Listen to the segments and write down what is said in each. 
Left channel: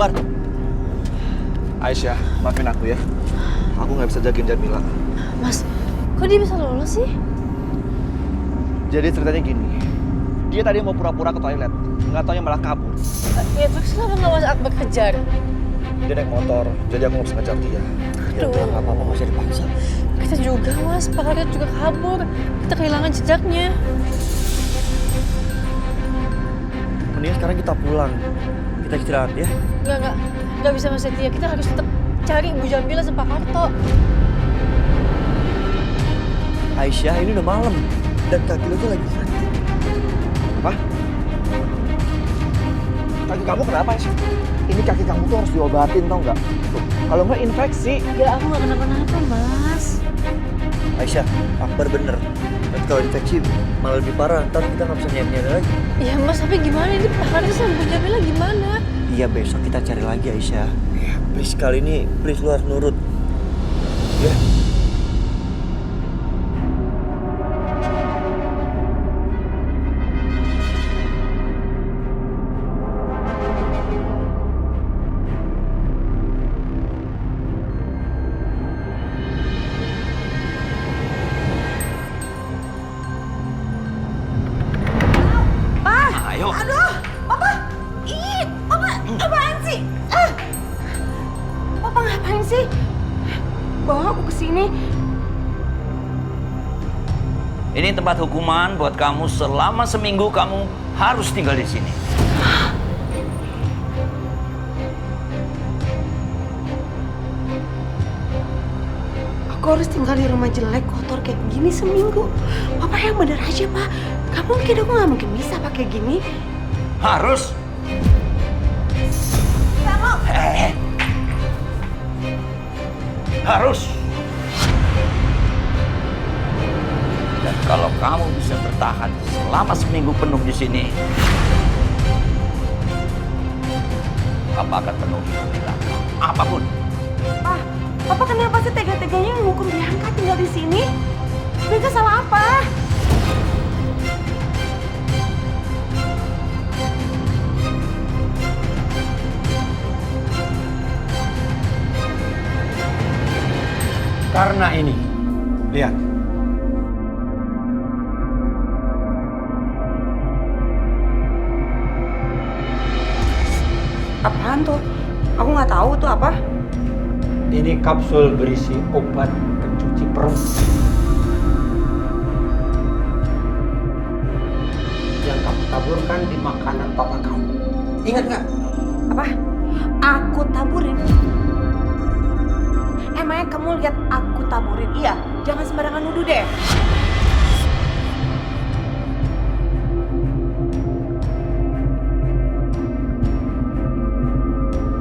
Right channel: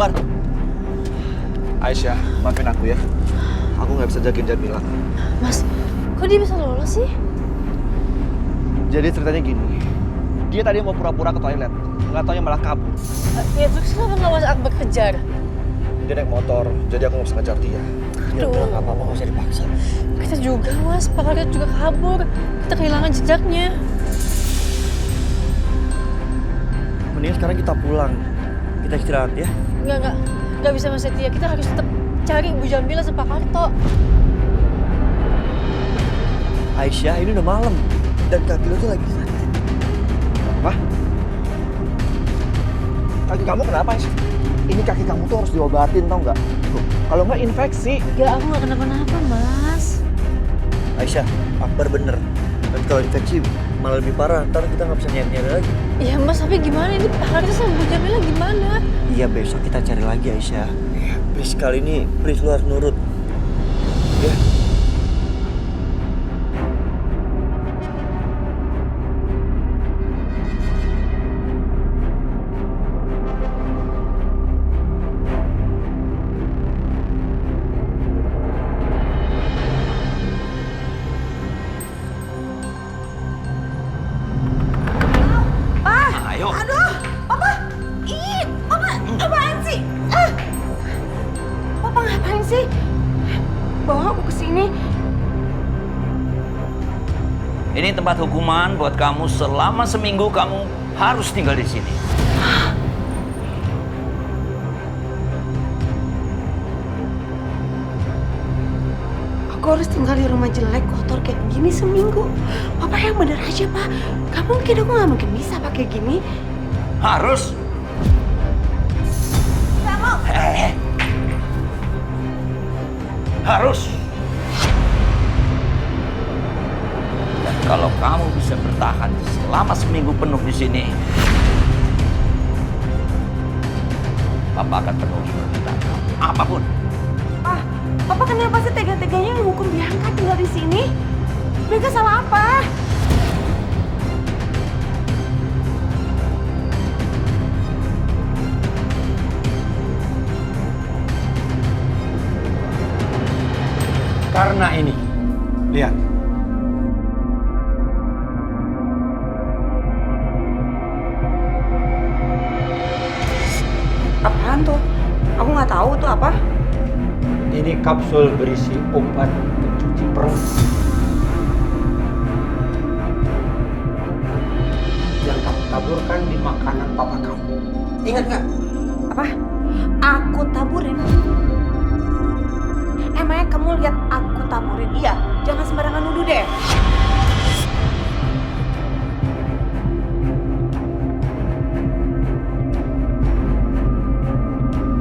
Bar. Aisyah, maafin aku ya. Aku nggak bisa jagain Jamila. Mas, kok dia bisa lolos sih? Jadi ceritanya gini. Dia tadi mau pura-pura ke toilet. Nggak taunya malah kabur. Ya terus kenapa nggak Mas Akbar kejar? Dia naik motor, jadi aku nggak bisa ngejar dia. Ya udah nggak apa-apa, nggak usah dipaksa. Kita juga Mas, Pak Karyat juga kabur. Kita kehilangan jejaknya. Mendingan sekarang kita pulang. Kita istirahat ya. Nggak bisa Mas Setia. Kita harus tetap cari Ibu Jamila sama Pak Karto. Aisyah, ini udah malam. Dan kaki lo tuh lagi sakit. Apa? Kaki kamu kenapa, Aisyah? Ini kaki kamu tuh harus diobatin, tau nggak? Tuh, kalau nggak infeksi. Ya aku nggak kenapa-napa Mas. Aisyah, Akbar bener. Tapi kalau infeksi malah lebih parah. Ntar kita nggak bisa nyari-nyari lagi. Ya Mas, tapi gimana ini Pak Karto sama Ibu Jamila gimana? Iya, besok kita cari lagi Aisyah. Please, kali ini please lu harus nurut. Ya. Ayo. Aduh, Papa! Ih, Papa, apaan sih? Papa ngapain sih? Bawa aku ke sini. Ini tempat hukuman buat kamu selama seminggu kamu harus tinggal di sini. Aku harus tinggal di rumah jelek, kotor kayak gini seminggu. Papa yang bener aja, Pak. Gak mungkin, aku gak mungkin bisa pakai gini. Harus. Gak mau. Harus. Dan kalau kamu bisa bertahan selama seminggu penuh di sini, Papa akan penuhi permintaan kamu. Apapun. Papa kenapa sih tega-teganya menghukum Bianca tinggal di sini? Bianca salah apa? Karena ini, lihat. Apaan tuh? Aku nggak tahu tuh apa. Ini kapsul berisi obat pencuci perut. Yang kamu taburkan di makanan papa kamu. Ingat nggak? Apa? Aku taburin? Emangnya kamu lihat aku taburin? Iya, jangan sembarangan nuduh deh.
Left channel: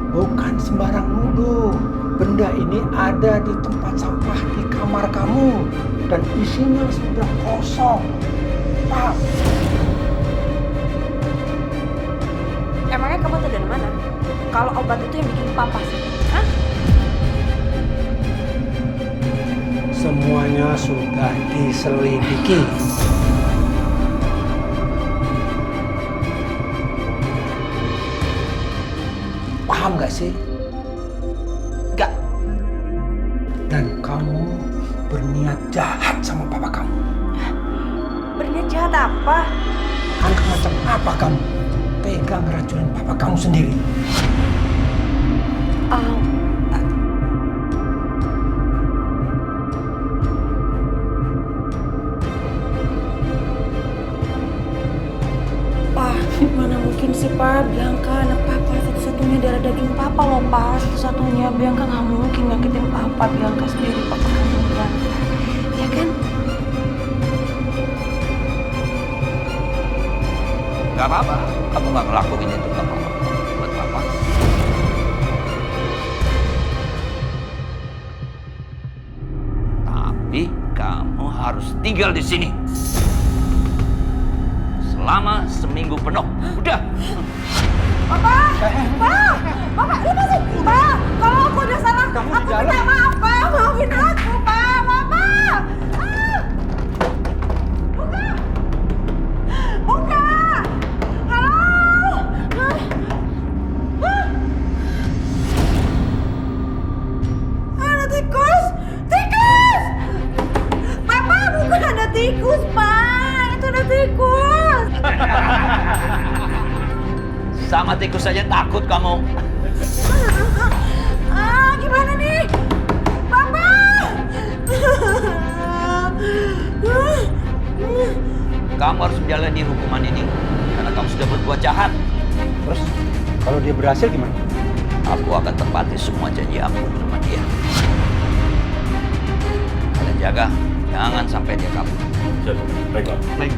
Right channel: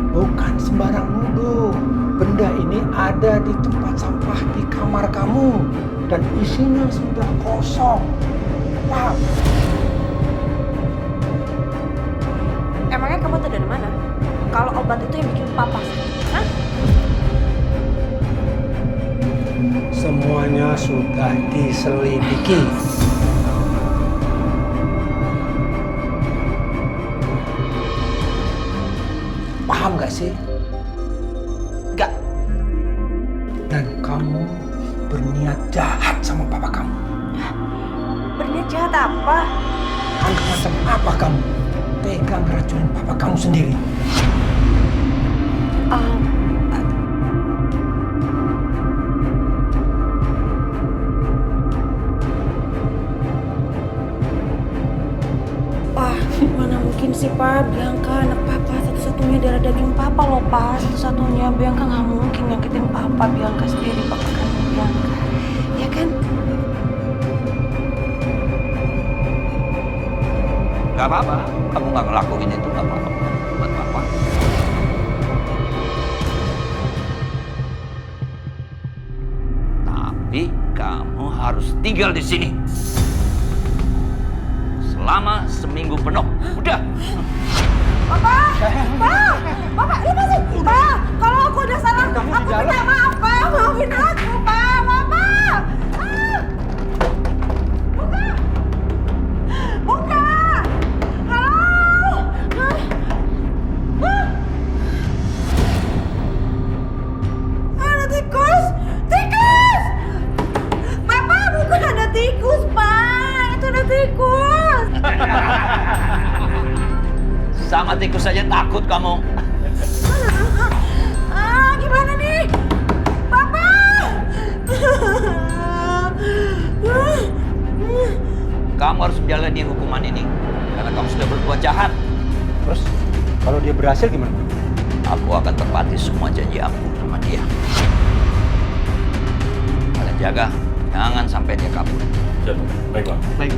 Bukan sembarang nuduh. Benda ini ada di tempat sampah di kamar kamu. Dan isinya sudah kosong. Paham? Emangnya kamu tahu dari mana? Kalau obat itu yang bikin papa sakit, hah? Semuanya sudah diselidiki. Paham gak sih? Gak. Dan kamu berniat jahat sama papa kamu. Berniat jahat apa? Anak macam apa kamu? Tega ngeracunin papa kamu sendiri. Mana mungkin sih, Pak? Bianca anak papa satu-satunya darah daging papa loh, Pak. Satu-satunya. Bianca nggak mungkin nyakitin papa. Bianca sendiri, papa kandung Bianca. Ya kan? Gak apa-apa. Kamu gak ngelakuin itu gak apa-apa buat Papa. Tapi kamu harus tinggal di sini selama seminggu penuh. Udah. Papa! Pak! Papa, lepasin! Pak! Kalau aku udah salah, aku minta maaf, Pak! Maafin aku, Pak! Papa! Buka! Buka! Halo! Sama tikus saja takut kamu. Gimana nih? Papa! Kamu harus menjalani hukuman ini karena kamu sudah berbuat jahat. Terus kalau dia berhasil gimana? Aku akan tepati semua janji aku sama dia. Kalian jaga, jangan sampai dia kabur. Baik.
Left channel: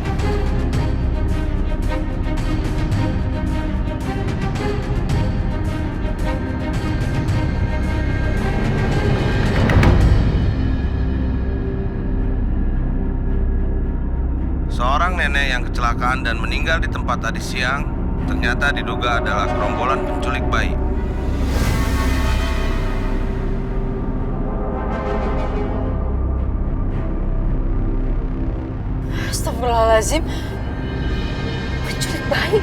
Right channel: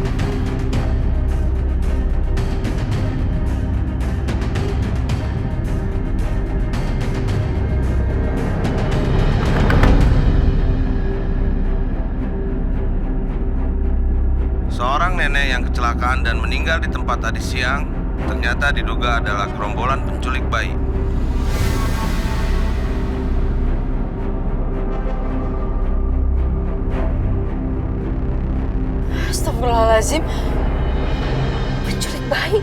Seorang nenek yang kecelakaan dan meninggal di tempat tadi siang ternyata diduga adalah gerombolan penculik bayi. Astagfirullahaladzim. Penculik bayi.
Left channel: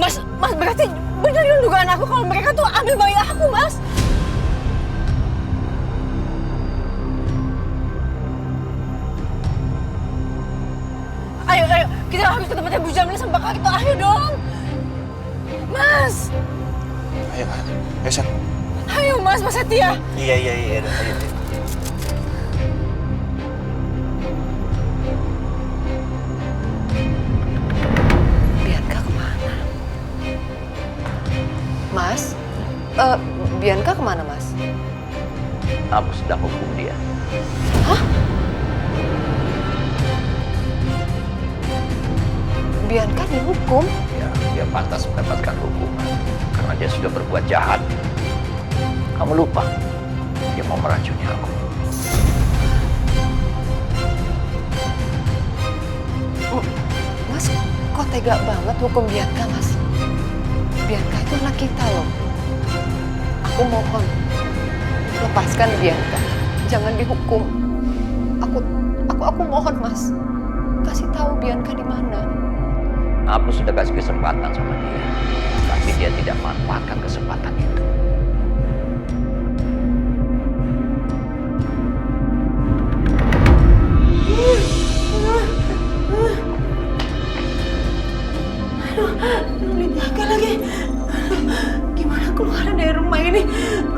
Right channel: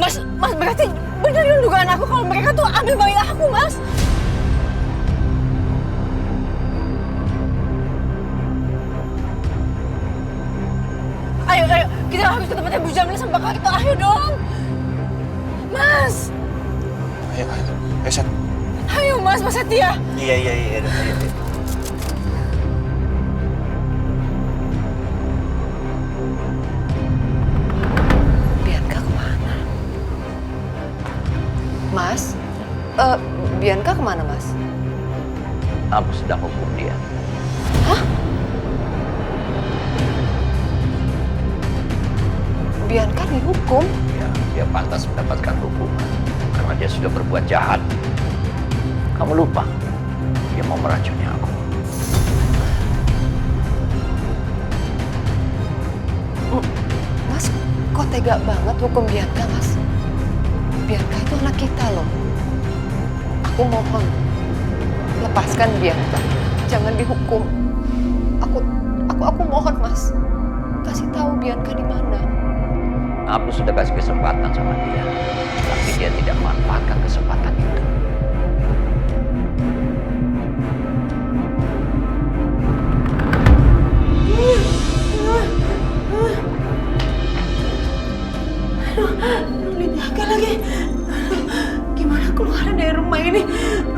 Mas berarti benar yang dugaan aku kalau mereka tuh ambil bayi aku, Mas. Ayo, kita harus ke tempatnya Bu Jamila sama Pak Karto. Ayo dong. Mas. Ayo, Sat. Ayo Mas Setia. Iya, ayo. Bianca kemana? Mas? Bianca kemana, Mas? Aku sedang hukum dia. Hah? Bianca dihukum? Ya, dia pantas mendapatkan hukuman karena dia sudah berbuat jahat. Kamu lupa, dia mau meracuni aku. Mas, kok tega banget hukum Bianca, Mas? Bianca itu anak kita loh. Aku mohon, lepaskan Bianca. Jangan dihukum. Aku mohon, Mas. Kasih tahu Bianca di mana. Aku sudah kasih kesempatan sama dia, tapi dia tidak memanfaatkan kesempatan itu. Aduh, Bianca lagi. Aduh, gimana keluar dari rumah ini?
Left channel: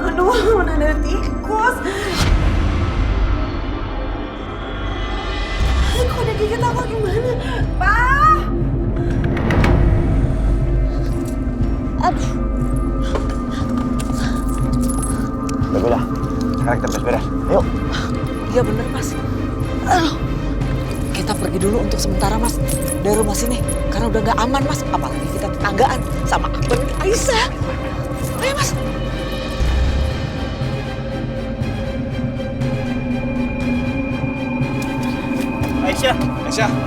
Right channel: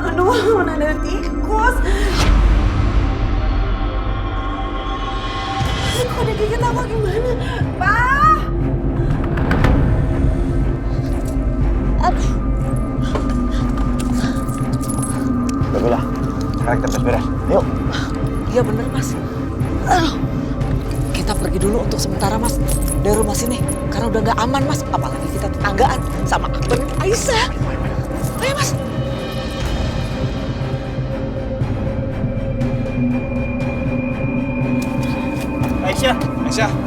Aduh, mana ada tikus? Kok ada gigit aku gimana? Pak! Aduh. Udah, sekarang kita beres-beres. Ayo. Iya bener, Mas. Aduh. Kita pergi dulu untuk sementara, Mas, dari rumah sini. Karena udah nggak aman, Mas. Apalagi kita tetanggaan sama Akbar dan Aisyah. Ayo, Mas.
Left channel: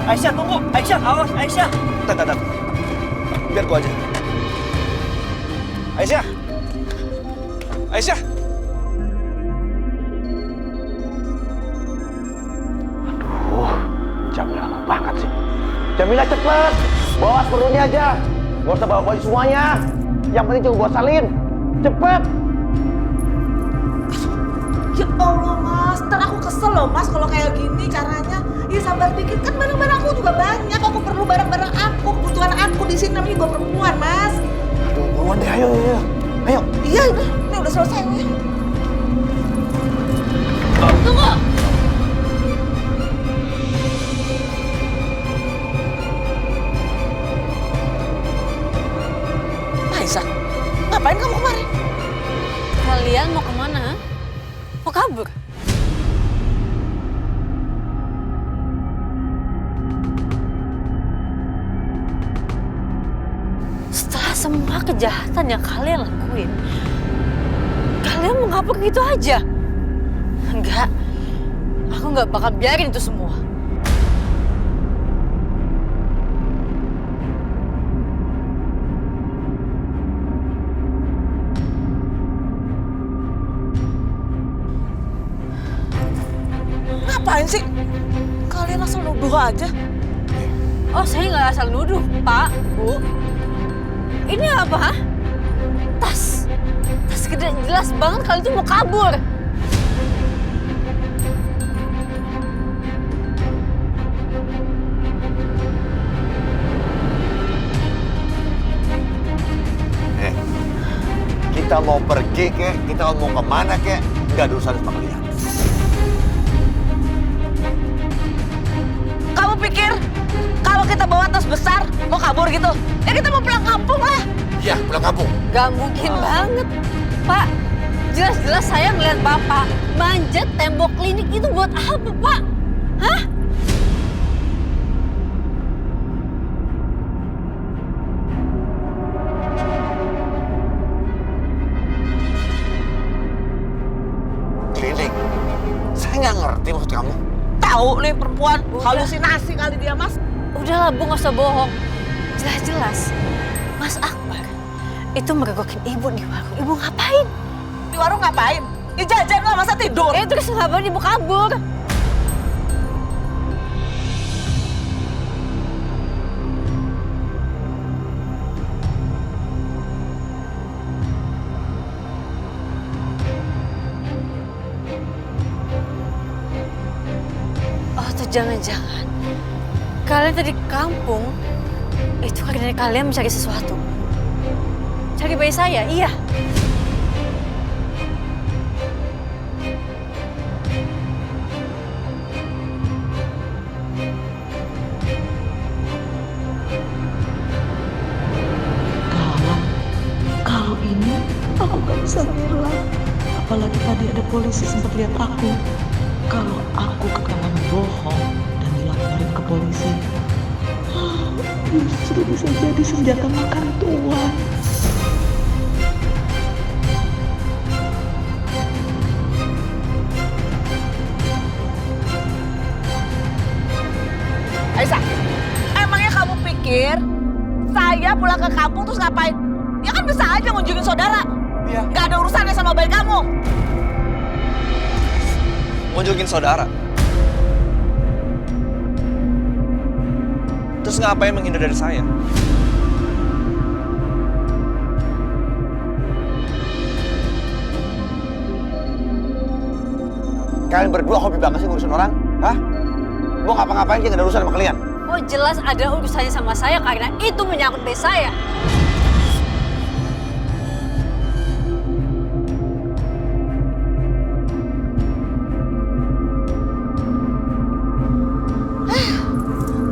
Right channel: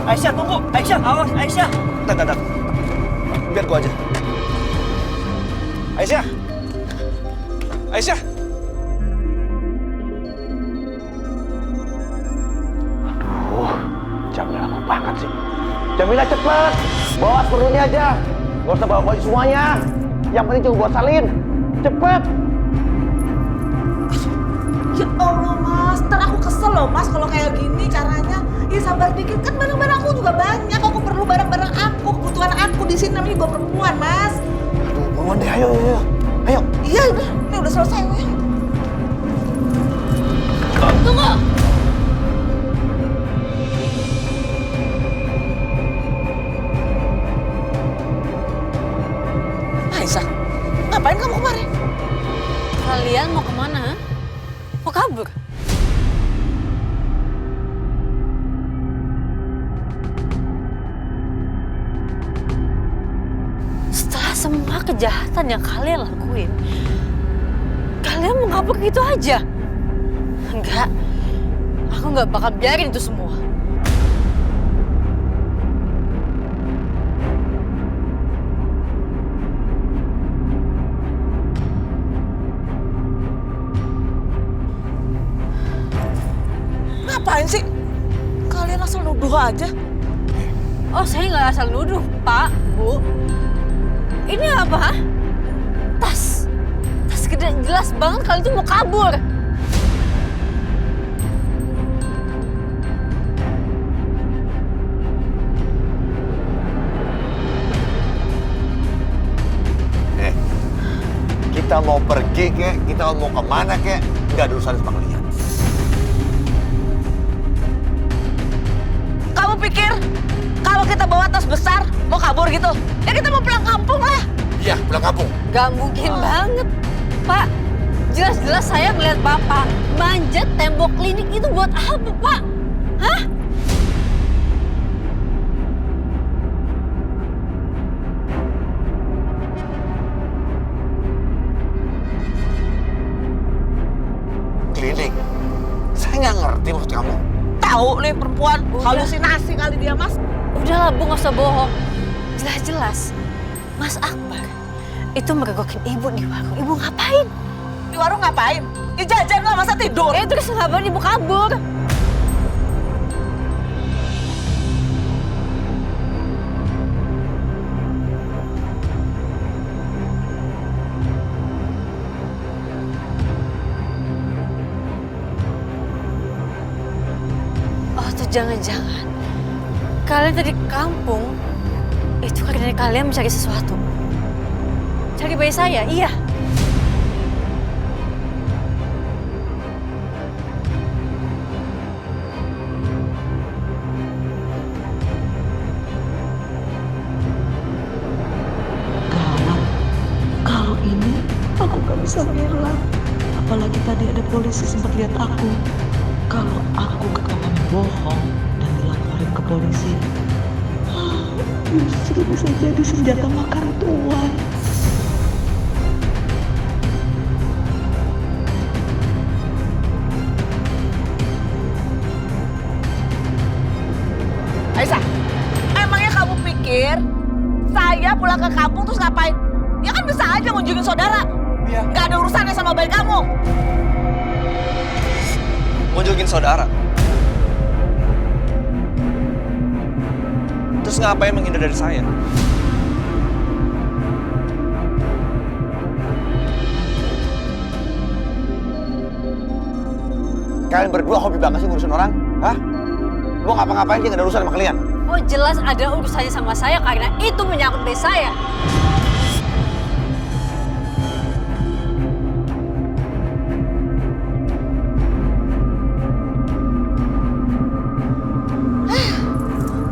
Aisyah, tunggu. Aisyah, awas, Aisyah. Bentar. Biar gua aja. Aisyah. Aduh, Jamila lama banget sih. Jamila cepet, bawa seperlunya aja. Gak usah bawa baju semuanya. Yang penting cuma buat salin. Cepet. Ya Allah, Mas. Ntar aku kesel loh, Mas, kalau kayak gini caranya. Ya sabar dikit, kan barang-barang aku juga banyak. Aku perlu barang-barang aku, kebutuhan aku di sini namanya juga perempuan, Mas. Aduh, buruan deh, ayo. Ayo. Iya, ini udah selesai, ya. Tunggu. Aisyah, ngapain kamu kemarin? Kalian mau kemana? Mau kabur? Setelah semua kejahatan yang kalian lakuin, kalian mau kabur gitu aja? Enggak, aku nggak bakal biarin itu semua. Ngapain sih? Kalian asal nuduh aja. Oh, saya nggak asal nuduh, Pak, Bu. Ini apa? Tas gede, jelas banget kalian tuh mau kabur. Kita mau pergi kek, kita mau kemana kek, nggak ada urusan sama kalian. Kamu pikir kalau kita bawa tas besar mau kabur gitu? Ya kita mau pulang kampung lah. Iya, pulang kampung. Gak mungkin banget, Pak. Jelas-jelas saya ngeliat Bapak manjat tembok klinik itu buat apa, Pak? Hah? Klinik. Saya nggak ngerti maksud kamu. Tahu nih perempuan, halusinasi kali dia, Mas. Udahlah, Bu, nggak usah bohong. Jelas-jelas Mas Akbar itu meregokin Ibu di warung. Ibu ngapain? Di warung ngapain? Ya jajan lah, masa tidur? Terus ngapain Ibu kabur? Oh, tuh jangan-jangan kalian tadi ke kampung itu karena kalian mencari sesuatu. Cari bayi saya, iya. Gawat, kalau ini aku gak bisa ngelak. Apalagi tadi ada polisi sempat lihat aku. Kalau aku ketahuan bohong dan dilaporin ke polisi, justru bisa jadi senjata makan tuan. Aisyah, emangnya kamu pikir saya pulang ke kampung terus ngapain? Ya kan bisa aja ngunjungin saudara. Iya. Nggak ada urusannya sama bayi kamu. Ngunjungin saudara. Terus ngapain menghindar dari saya? Kalian berdua hobi banget sih ngurusin orang? Hah? Mau ngapa-ngapain aja nggak ada urusan sama kalian? Oh, jelas ada urusannya sama saya karena itu menyangkut bayi saya.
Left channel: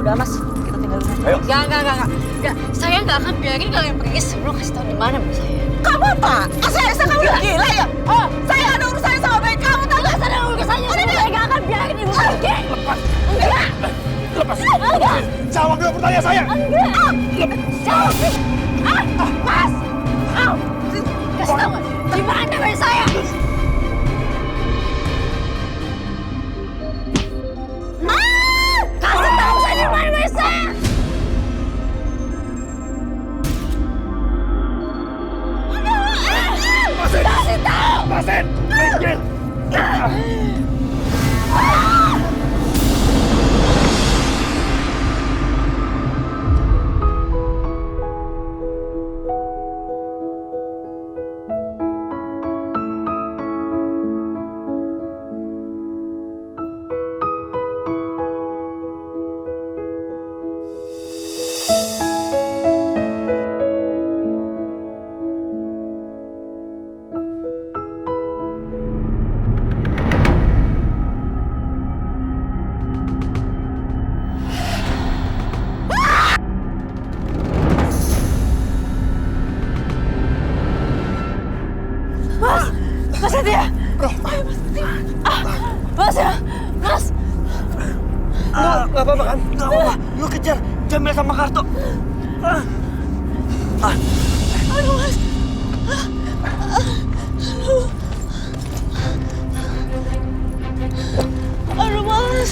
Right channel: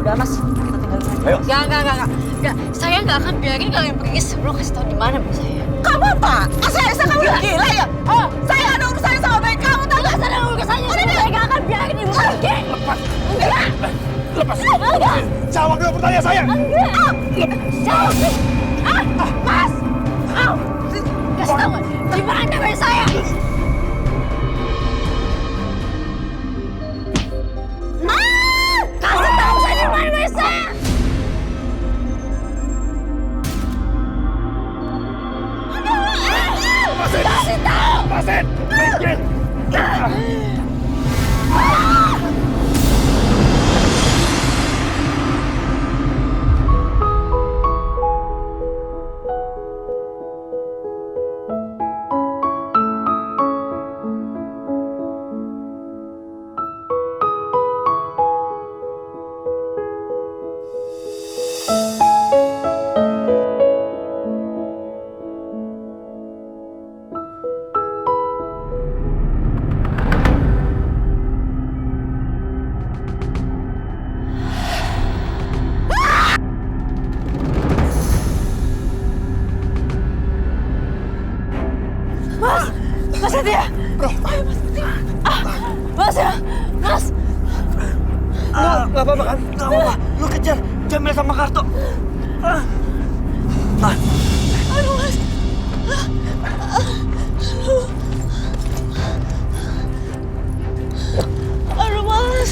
Udah Mas, kita tinggalin aja. Ayo. Enggak. Saya nggak akan biarin kalian pergi sebelum kasih tahu di mana bayi saya. Kamu apa? Aisyah, kamu udah gila ya? Oh, saya ada urusannya sama bayi kamu, tahu nggak? Ada urusannya. Saya nggak akan biarin ibu pergi. Lepas. Enggak. Lepas. Enggak. Jawab dulu pertanyaan saya. Enggak. Jawab. Mas. Kasih tahu di mana bayi saya. Kasih tahu saya di mana bayi saya. Kasih tahu. Lepasin. Minggir. Mas Setia! Bro! Mas! Nggak apa-apa kan? Nggak apa-apa. Lu kejar Jamil sama Karto. Aduh, Mas! Aduh, Mas!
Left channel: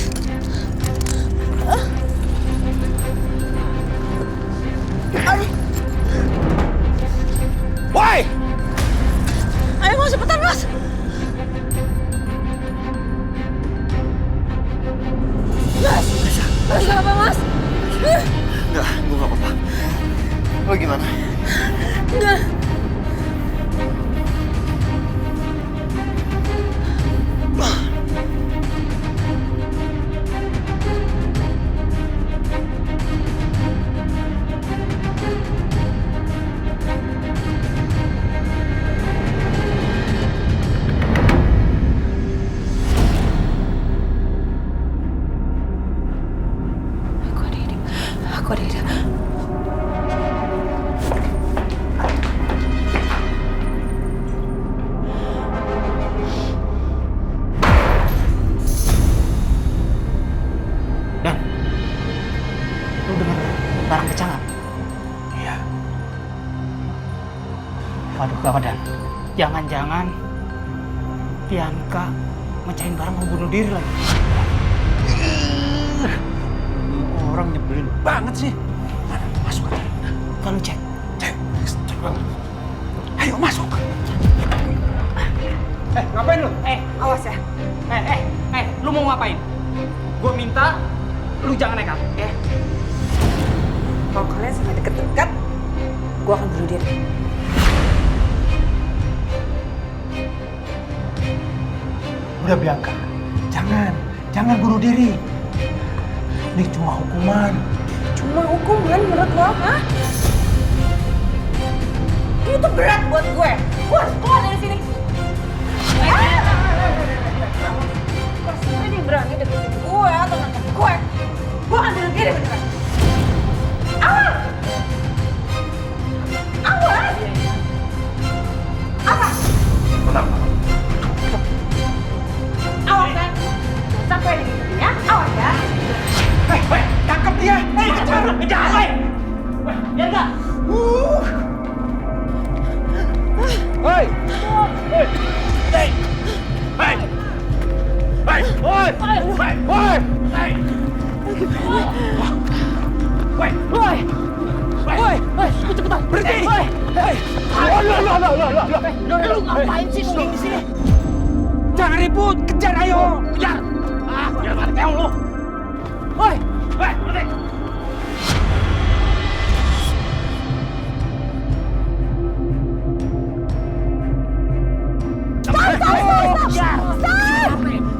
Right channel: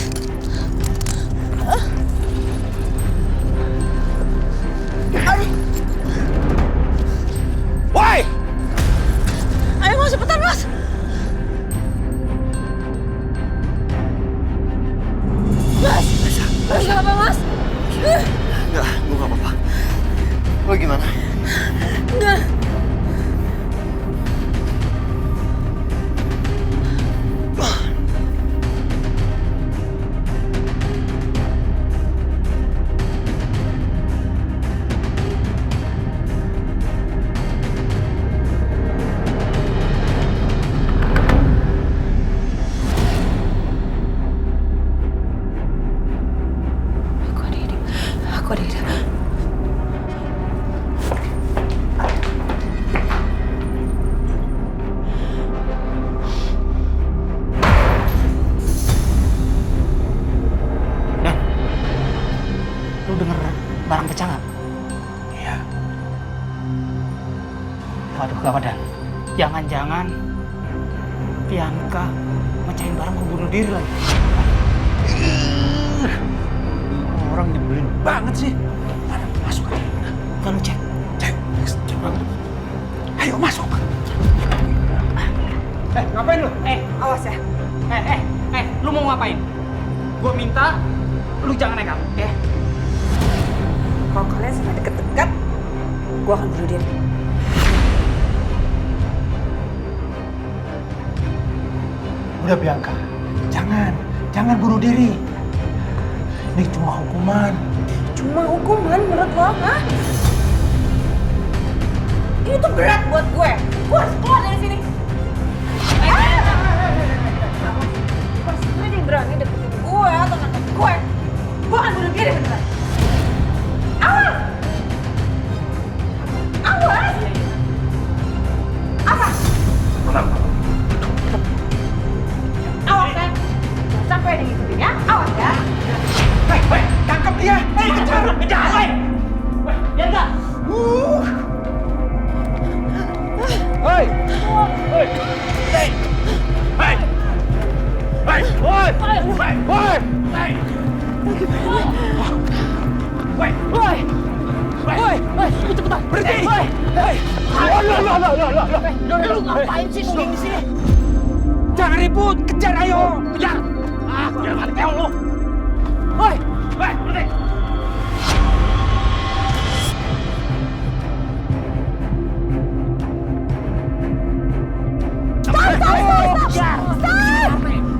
Woi! Ayo Mas, cepetan Mas. Mas! Mas, nggak apa, Mas? Nggak, gue nggak apa-apa. Lo gimana? Nggak. Waduh, gawat Dan. Jangan-jangan Bianca mecahin barang mau bunuh diri lagi. Orang nyebelin banget sih. Mana? Masuk aja. Kalau cek. Cek banget. Ayo masuk. Ngapain lu? Awas ya. Lu mau ngapain? Gua minta lu jangan nekat, ya. Kalau kalian sampai deket-deket, gue akan bunuh diri. Udah Bianca, jangan bunuh diri. Ini cuma hukuman. Cuma hukuman menurut lo, hah? Ini tuh berat buat gue. Gue harus keluar dari sini. Kalau sampai dia berani deketin gue atau nangkep gue akan bunuh diri beneran. Awas! Awas! Apa? Tenang, Pak. Awas kan? Jangan sampai ada ngikutin ya. Awas ya. Hei, tangkap dia. Kejar. Weh, biar enggak. Hei. Cepetan. Berhenti. Lu ngapain sih nungging di sini? Jangan ribut, kejar ayo. Kejar. Biar mati keong lu. Woi, berhenti.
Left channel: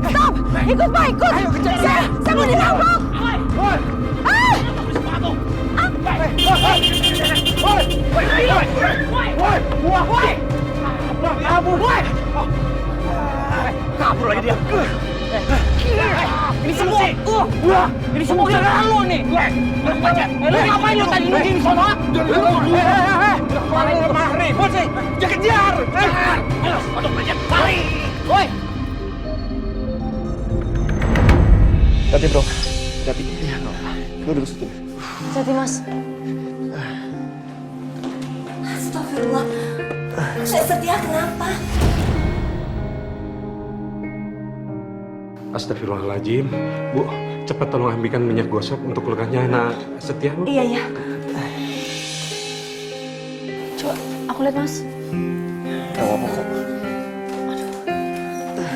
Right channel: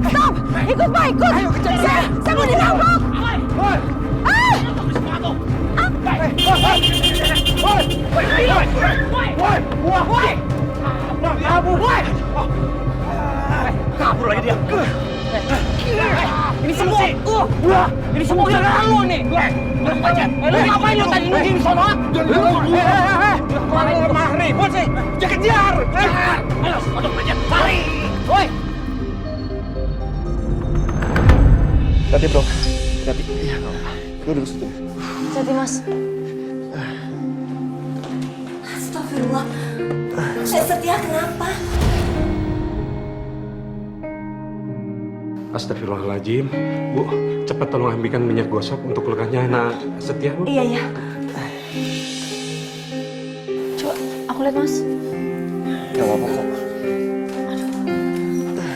Stop! Ikut Pak, ikut! Ayo kejar! Saya mau dirampok! Kabur lagi dia. Ini semua gara-gara lu nih. Lu ngapain lu tadi nungging di sono? Kalau mah ribut sih, jangan kejar. Ayo, odong aja, lari. Woi. Hati bro, hati. Iya, nggak apa. Lu duduk situ. Hati Mas. Astagfirullah. Saya Setia kenapa? Astagfirullahaladzim. Bu, cepat tolong ambilkan minyak gosok untuk lukanya anak Setia, Bu. Iya. Coba aku lihat Mas. Gak apa-apa kok.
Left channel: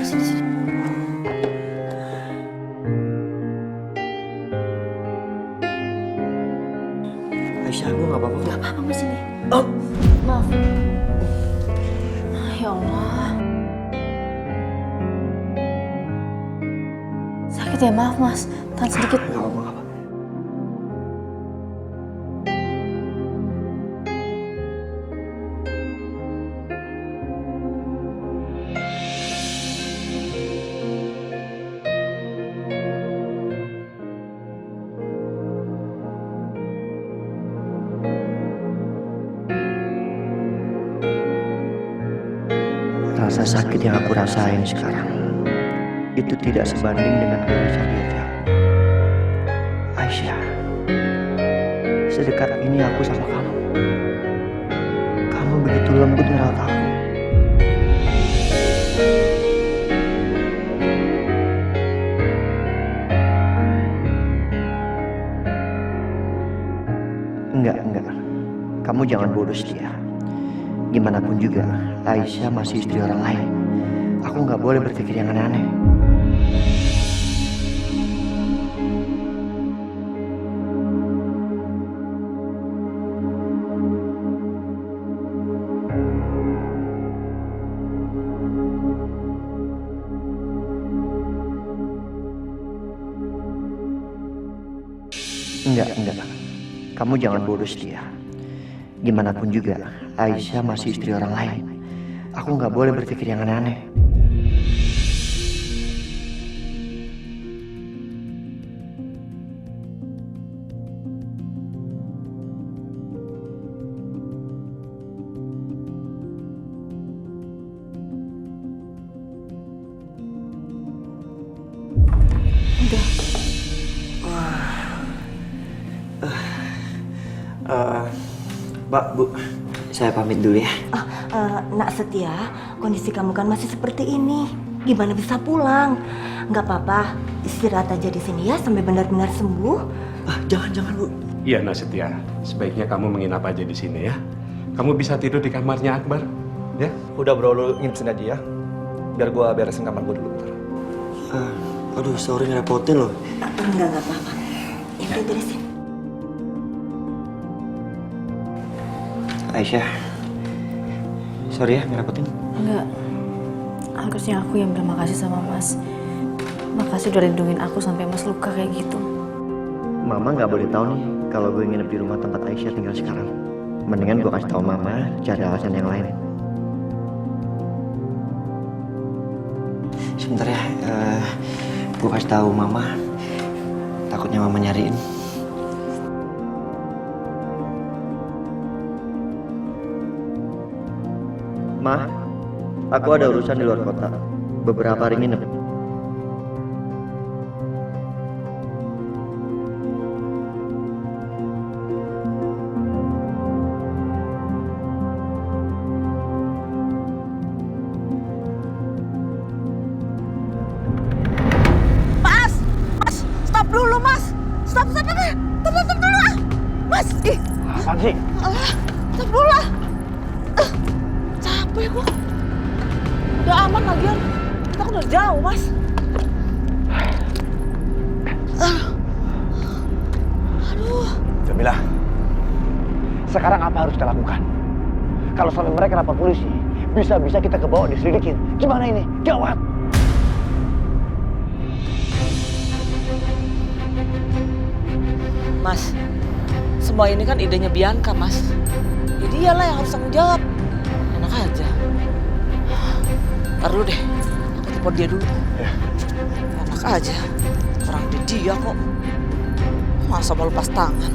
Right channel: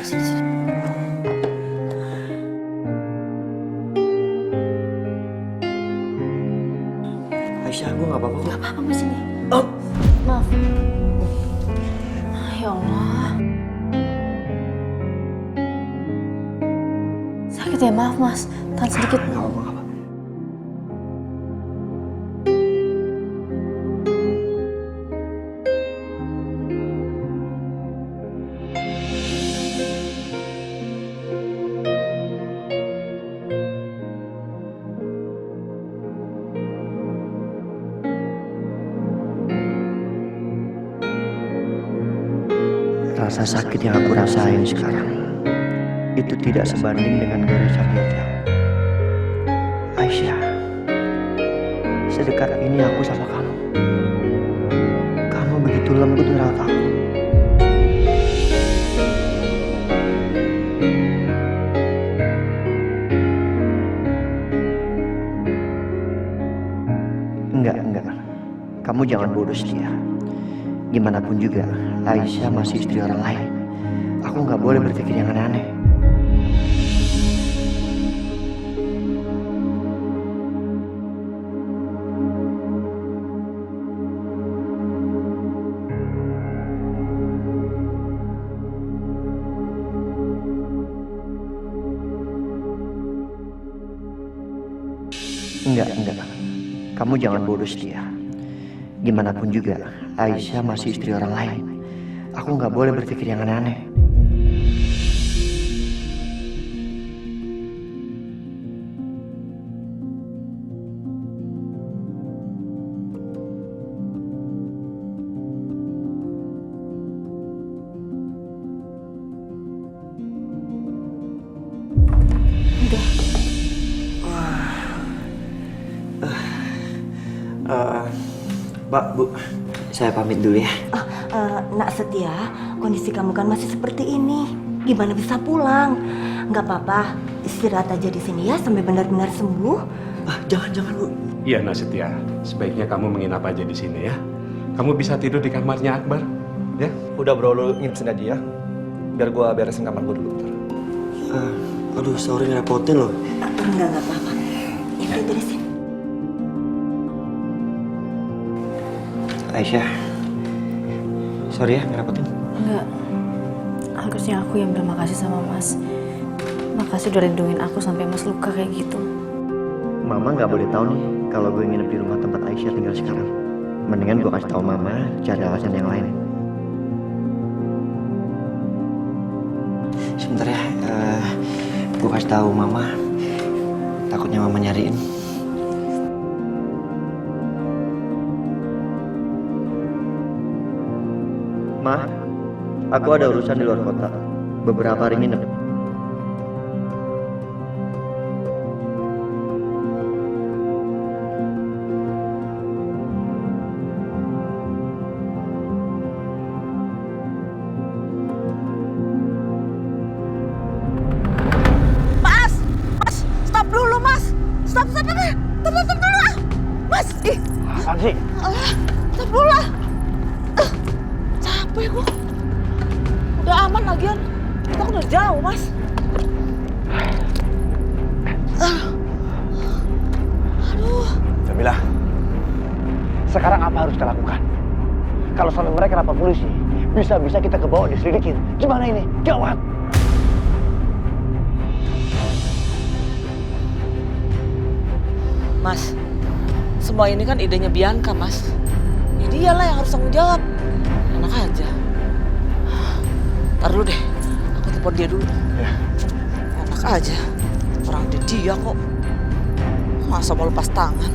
Sini. Aisyah, gue gak apa-apa kok. Gak apa-apa Mas ini. Oh. Maaf. Ya Allah. Sakit ya, maaf Mas. Tahan sedikit. Gak apa-apa. Rasa sakit yang aku rasain sekarang itu tidak sebanding dengan goresan di hati aku. Aisyah, sedekat ini aku sama kamu. Kamu begitu lembut merawat aku. Enggak. Kamu jangan bodoh Setia. Gimana pun juga, Aisyah masih istri orang lain. Aku nggak boleh berpikir yang aneh-aneh. Enggak. Kamu jangan bodoh Setia. Gimana pun juga, Aisyah masih istri orang lain. Aku nggak boleh berpikir yang aneh-aneh. Udah. Mbak, Bu, Saya pamit dulu ya. Nak Setia, kondisi kamu kan masih seperti ini. Gimana bisa pulang? Nggak apa-apa, istirahat aja di sini ya sampai benar-benar sembuh. Jangan Bu. Iya Nak Setia, sebaiknya kamu menginap aja di sini ya. Kamu bisa tidur di kamarnya Akbar, ya? Udah bro, lu nginep sini aja ya. Biar gua beresin kamar gua dulu bentar. Aduh, sorry ngerepotin loh. Enggak apa-apa. Ya udah beresin. Aisyah, sorry ya ngerepotin. Enggak. Harusnya aku yang bilang makasih sama Mas. Makasih udah lindungin aku sampai Mas luka kayak gitu. Mama nggak boleh tahu nih kalau gue nginep di rumah tempat Aisyah tinggal sekarang. Mendingan gue kasih tahu Mama, cari alasan yang lain. Sebentar ya, gue kasih tahu Mama. Takutnya Mama nyariin. Ma, aku ada urusan di luar kota. Beberapa hari nginep. Stop dulu, Mas. Stop dulu. Mas, Apaan sih? stop dulu lah. Capek gua. Udah aman lagian. Kita kan udah jauh, Mas. Aduh. Jamila, sekarang apa harus kita lakukan? Kalau sampai mereka lapor polisi, bisa-bisa kita kebawa diselidikin. Gimana ini? Gawat! Mas, semua ini kan idenya Bianca, Mas. Ya dialah yang harus tanggung jawab. Enak aja. Ntar dulu deh, aku telepon dia dulu. Ya. Enak aja, orang dia kok. Masa mau lepas tangan?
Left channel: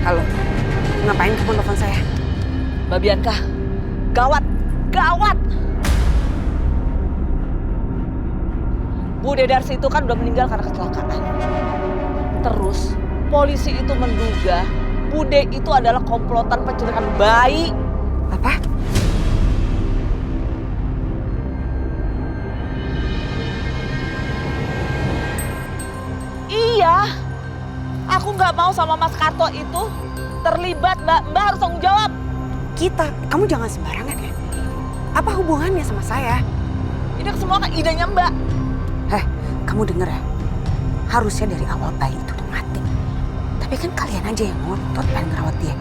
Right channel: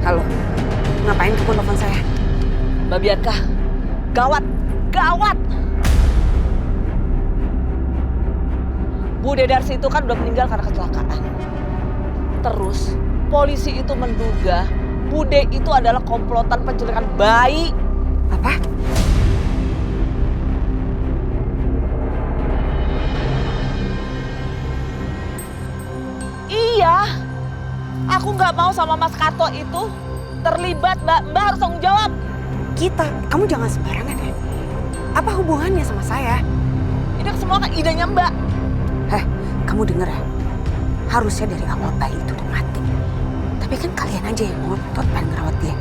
Halo, ngapain kamu telepon saya? Mbak Bianca, gawat! Bu Dedarsi itu kan udah meninggal karena kecelakaan. Terus, polisi itu menduga Bude itu adalah komplotan penculikan bayi. Apa? Iya. Aku nggak mau sama Mas Karto itu terlibat, Mbak. Mbak harus tanggung jawab. Kamu jangan sembarangan ya. Apa hubungannya sama saya? Ini semua kan idenya Mbak. Kamu denger ya? Harusnya dari awal bayi itu udah mati. Tapi kan kalian aja yang ngotot pengen ngerawat dia.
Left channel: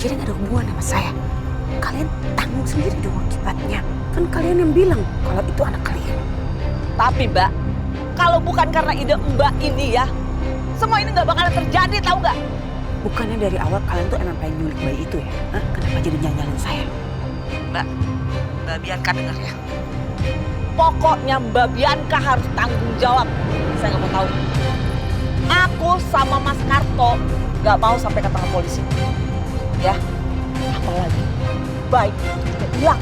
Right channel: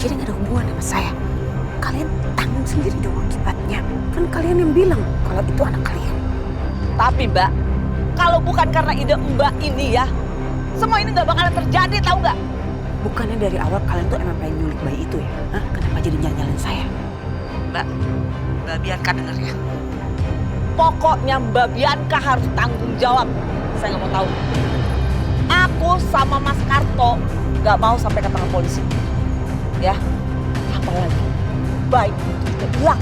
Jadi gak ada hubungan sama saya. Kalian tanggung sendiri dong akibatnya. Kan kalian yang bilang kalau itu anak kalian. Tapi Mbak, kalau bukan karena ide Mbak ini ya, semua ini nggak bakalan terjadi, tahu nggak? Bukannya dari awal kalian tuh emang pengen nyulik bayi itu ya? Kenapa jadi nyalin saya? Mbak Bianca denger ya. Pokoknya Mbak Bianca harus tanggung jawab. Saya nggak mau tahu. Aku sama Mas Karto nggak mau sampai ke tangan polisi. Ya, apalagi bayi itu udah hilang.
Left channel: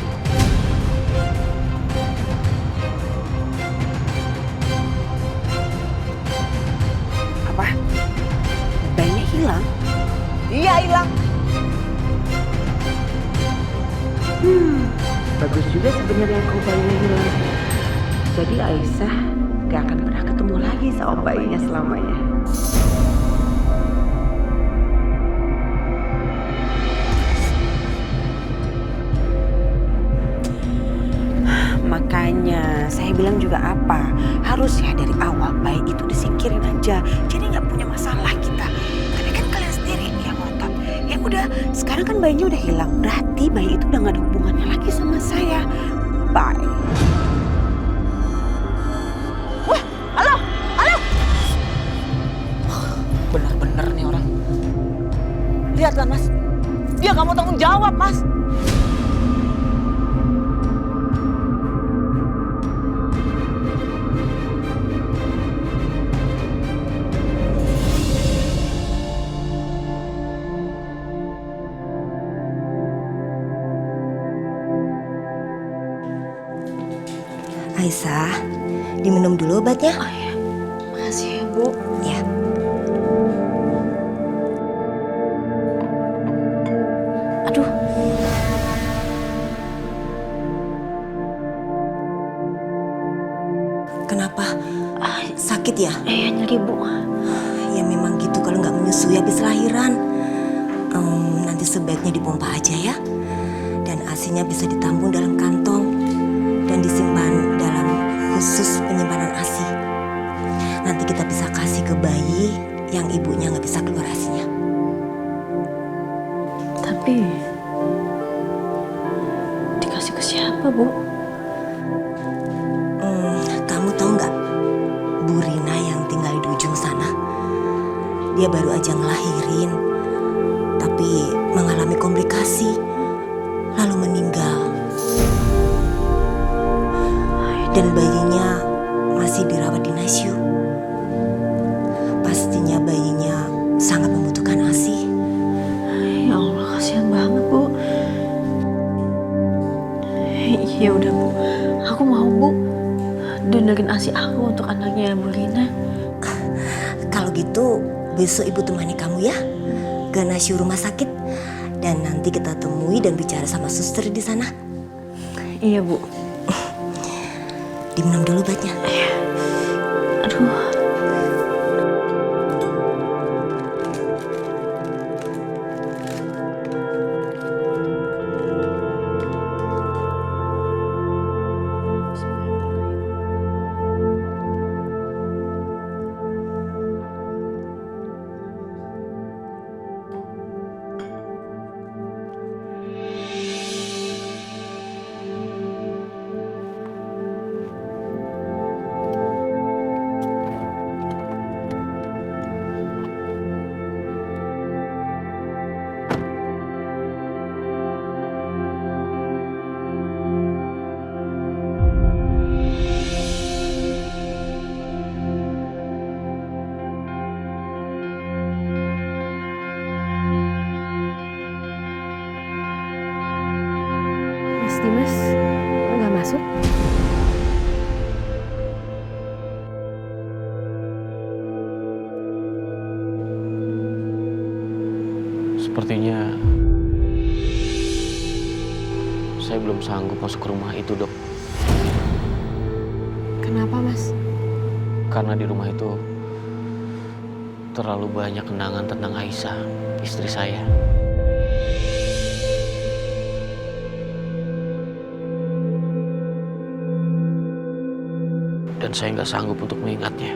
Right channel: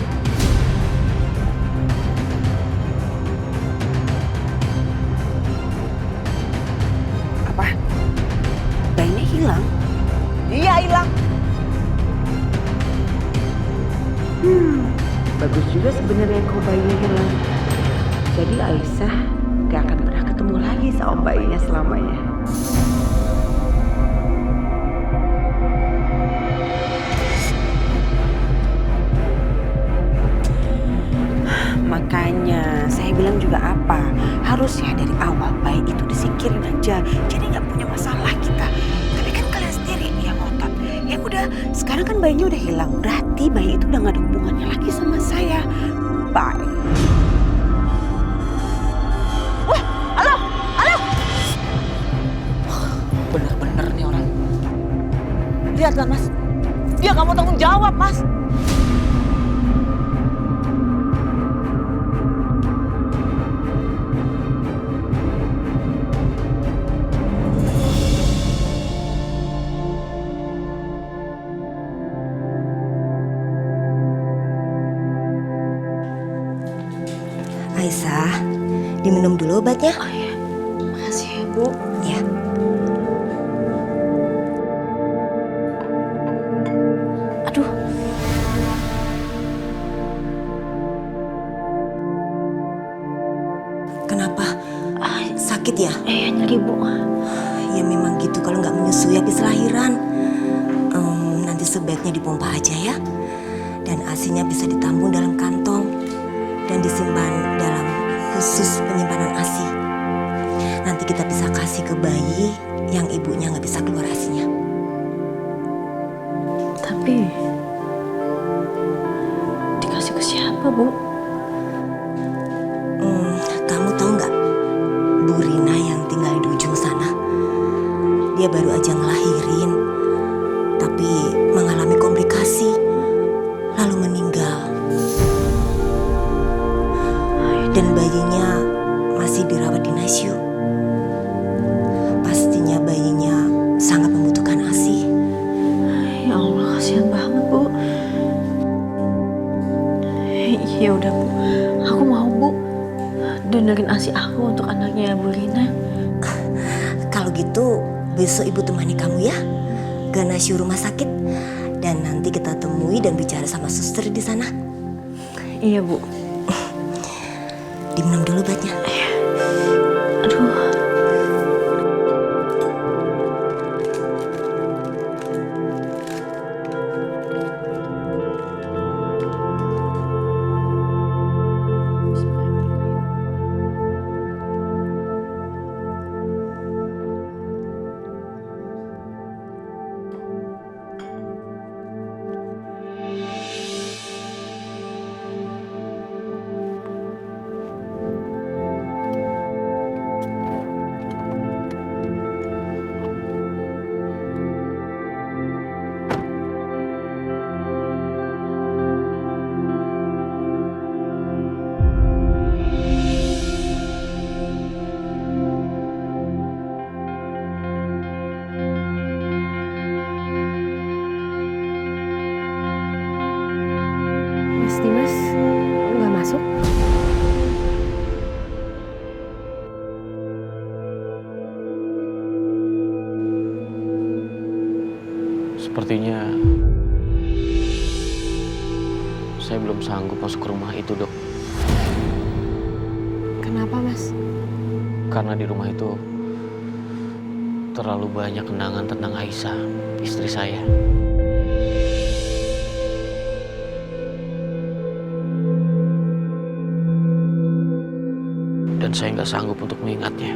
Apa? Bayinya hilang? Iya hilang. Bagus juga sebenarnya kalau bayinya hilang. Jadi Aisyah gak akan pernah ketemu lagi sama bayinya selamanya. Makanya saya bilang juga apa, harusnya dari awal bayi itu disingkirin aja. Jadi gak punya masalah kita. Tapi kan kalian sendiri yang ngotot. Ya udah, sekarang kan bayinya udah hilang. Berarti bayi itu udah gak ada hubungannya lagi sama saya. Bye. Wah, halo. Bener-bener nih orang. Lihat kan Mas, dia gak mau tanggung jawab Mas. Aisyah, diminum dulu obatnya. Oh iya, makasih ya Bu. Ya. Aduh. Kenapa? Sakit ya? Iya, nyeri Bu. Ya memang gitu kalau nggak menyusui habis lahiran. Nanti sebaiknya dipompa aja ya. Dan ASI-nya bisa ditampung dalam kantong dan disimpan dalam khusus penyimpanan ASI. Nanti kita bisa kasih ke bayi yang ibunya nggak bisa keluar ASI-nya. Tapi dikasih ke siapa, Bu? Kamu tahu nggak Bu Rina yang tinggal di ujung sana? Dia baru aja ngelahirin, tapi mengalami komplikasi, lalu meninggal. Dan bayinya masih dirawat di NICU. Pastinya bayinya sangat membutuhkan ASI. Ya Allah, kasihan banget Bu. Ya udah Bu, aku mau Bu donorin ASI aku untuk anaknya Bu Rina. Kalau gitu besok ibu temani kamu ya ke NICU rumah sakit, dan nanti kita temui dan bicara sama suster di sana. Iya Bu. Diminum dulu obatnya. Aduh. Mas Dimas nggak masuk? Sepertinya saya belum sanggup masuk ke rumah itu, Dok. Kenapa, Mas? Karena di rumah itu terlalu banyak kenangan tentang Aisyah, istri saya. Dan saya nggak sanggup untuk mengingatnya.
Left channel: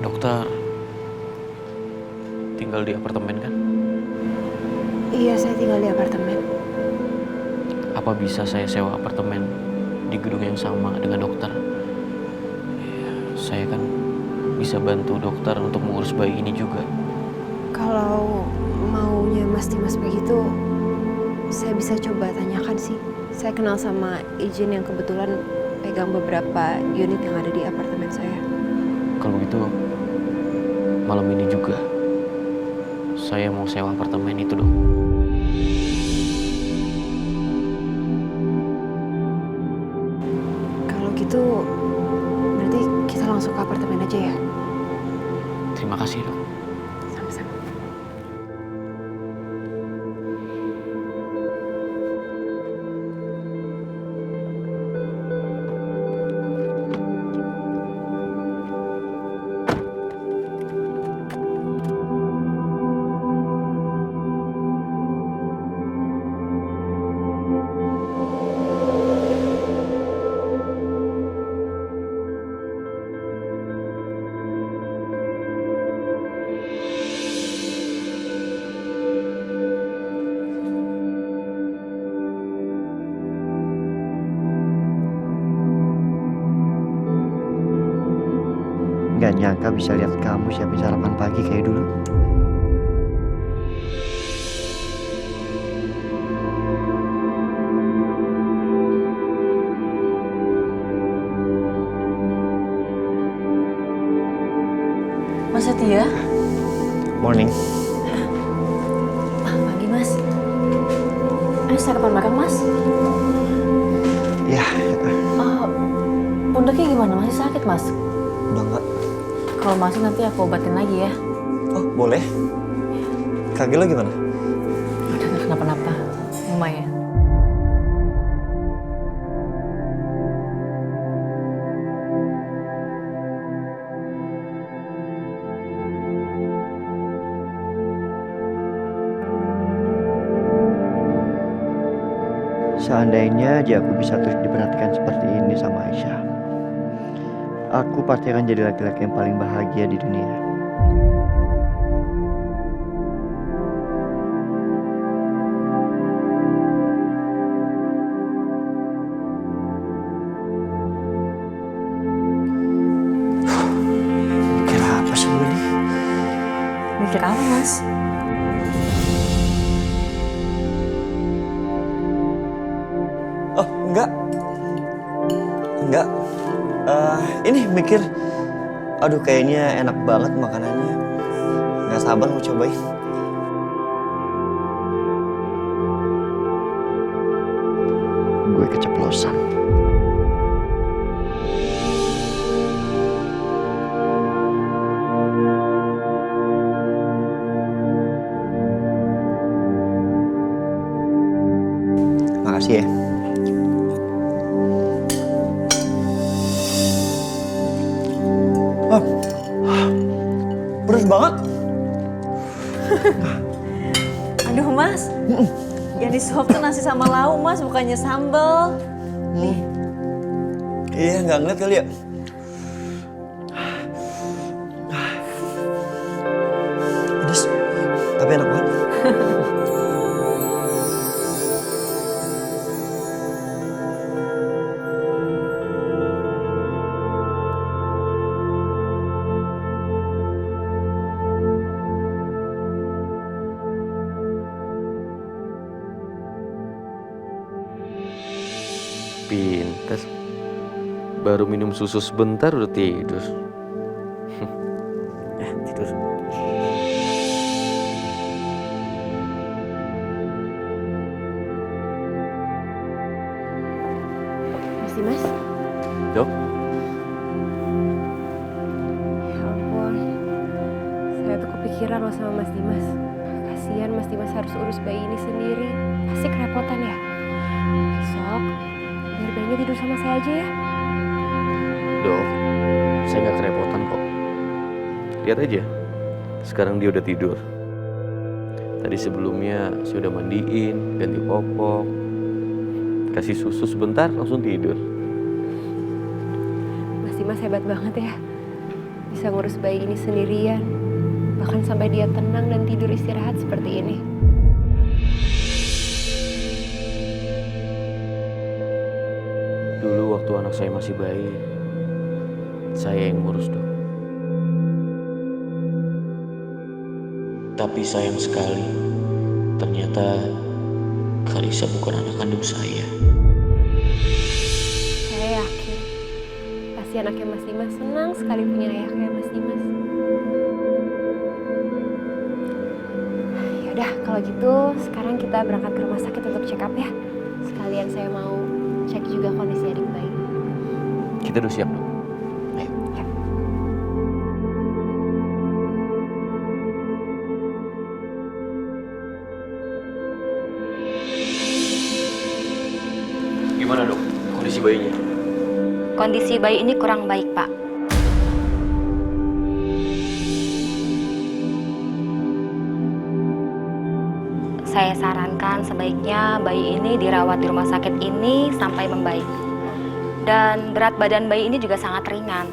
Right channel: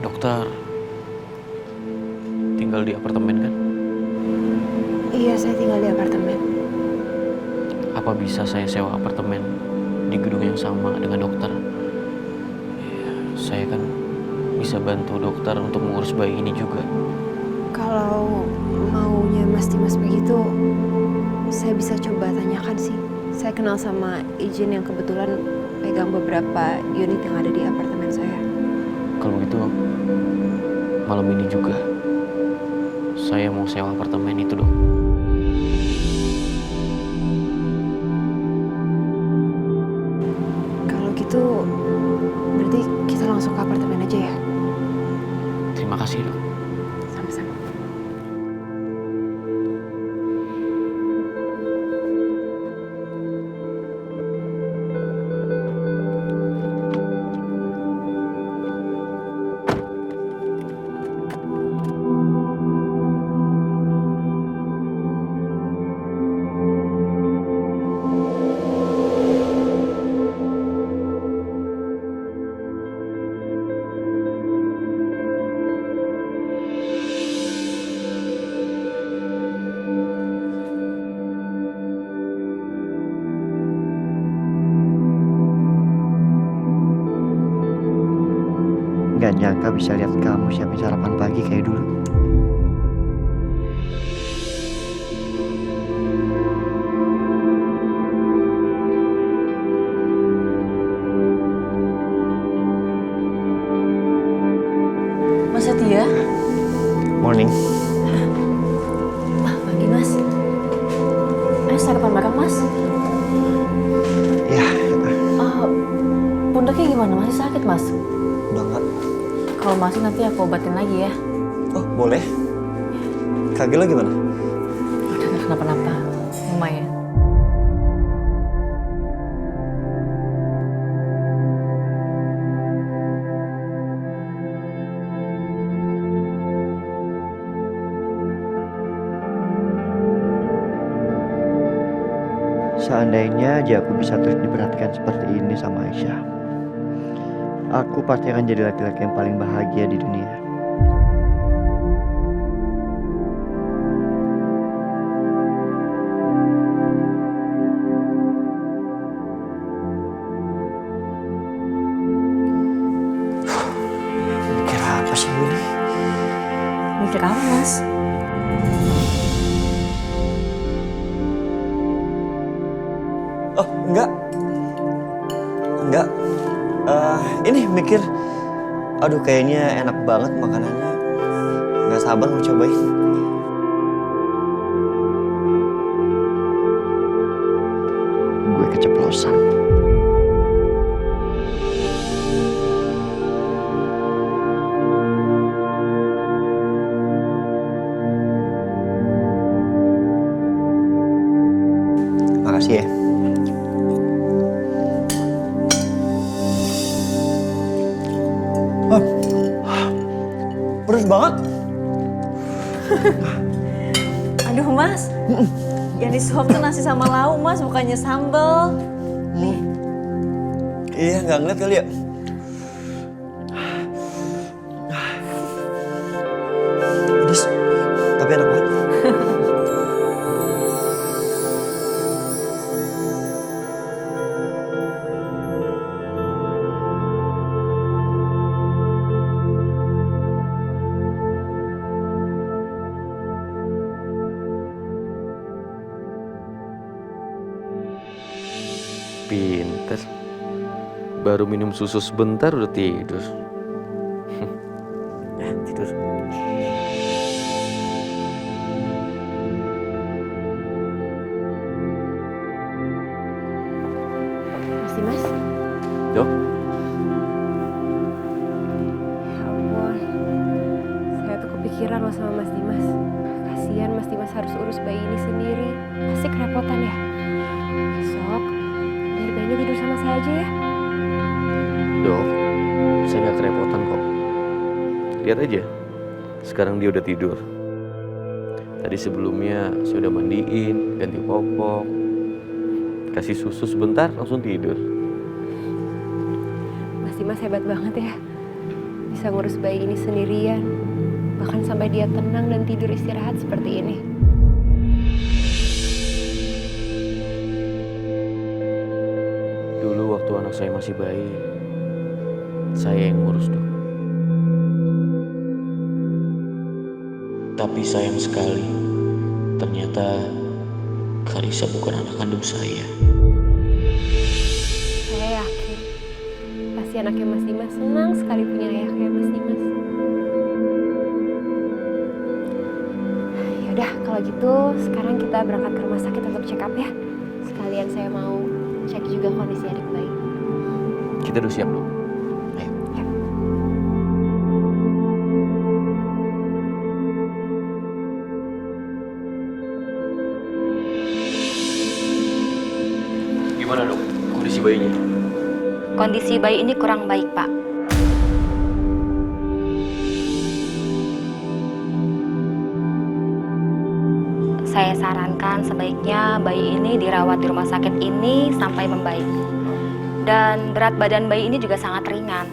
Dokter tinggal di apartemen kan? Iya, saya tinggal di apartemen. Apa bisa saya sewa apartemen di gedung yang sama dengan dokter? Ya, saya kan bisa bantu dokter untuk mengurus bayi ini juga. Kalau maunya Mas Dimas begitu, saya bisa coba tanyakan sih. Saya kenal sama izin yang kebetulan pegang beberapa unit yang ada di apartemen saya. Kalau begitu, malam ini juga saya mau sewa apartemen itu, Dok. Kalau gitu, berarti kita langsung ke apartemen aja ya? Terima kasih, Dok. Sama-sama. Gak nyangka bisa lihat kamu siapin sarapan pagi kayak dulu. Mas Setia? Morning. Pagi, Mas. periksa depan belakang, Mas? Ya, Pundaknya gimana? Masih sakit, Mas? udah enggak. Kalau masih nanti aku obatin lagi ya. Oh, boleh. Kaki lo gimana? Udah gak kenapa-napa. Lumayan. Seandainya aja aku bisa terus diperhatikan seperti ini sama Aisyah, aku pasti akan jadi laki-laki yang paling bahagia di dunia. Mikir apa sih gue nih? Mikir apa, Mas? Oh, enggak. Enggak. Ini mikir, aduh kayaknya enak banget makanannya. Nggak sabar mau cobain. Gue keceplosan. Makasih ya. Pedes banget. Aduh, Mas. Yang disuap tuh nasi sama lauk, Mas, bukannya sambal. Nih. Iya, nggak ngeliat kali ya. Pedes, tapi enak banget. Pinter. Baru minum susu sebentar udah tidur. Tidur. Mas Dimas? Dok, Ya ampun. Saya tuh kepikiran loh sama Mas Dimas. Kasihan Mas Dimas harus urus bayi ini sendiri. Pasti kerepotan ya. Besok, biar bayinya tidur sama saya aja ya. Dok, saya nggak kerepotan kok. Lihat aja, sekarang dia udah tidur. Tadi sebelumnya saya udah mandiin, ganti popok, kasih susu sebentar langsung tidur. Mas Dimas hebat banget ya. Bisa ngurus bayi ini sendirian. Bahkan sampai dia tenang dan tidur istirahat seperti ini. Dulu waktu anak saya masih bayi, saya yang ngurus, Dok. Tapi sayang sekali, ternyata Kalisa bukan anak kandung saya. Saya yakin pasti anaknya Mas Dimas senang sekali punya ayah kayak Mas Dimas. Yaudah, kalau gitu sekarang kita berangkat ke rumah sakit untuk check up ya. Sekalian saya mau cek juga kondisi adik bayi. Kita udah siap, Dok. Ayo. Ya. Gimana, Dok? Kondisi bayinya? Kondisi bayi ini kurang baik, Pak. Saya sarankan sebaiknya bayi ini dirawat di rumah sakit ini sampai membaik. Dan berat badan bayi ini juga sangat ringan.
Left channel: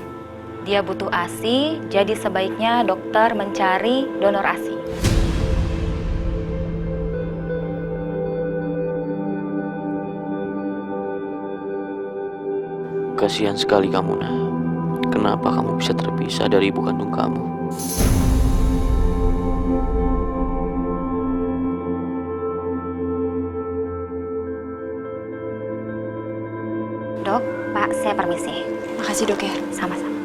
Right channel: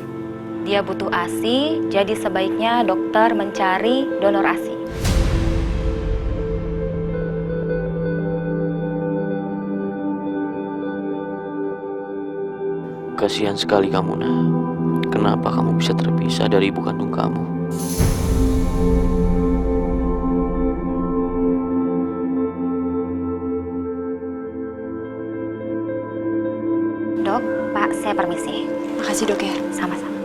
Dia butuh ASI, jadi sebaiknya dokter mencari donor ASI. Kasihan sekali kamu, Nah. Kenapa kamu bisa terpisah dari ibu kandung kamu? Dok, Pak, saya permisi. Makasih dok ya. Sama-sama.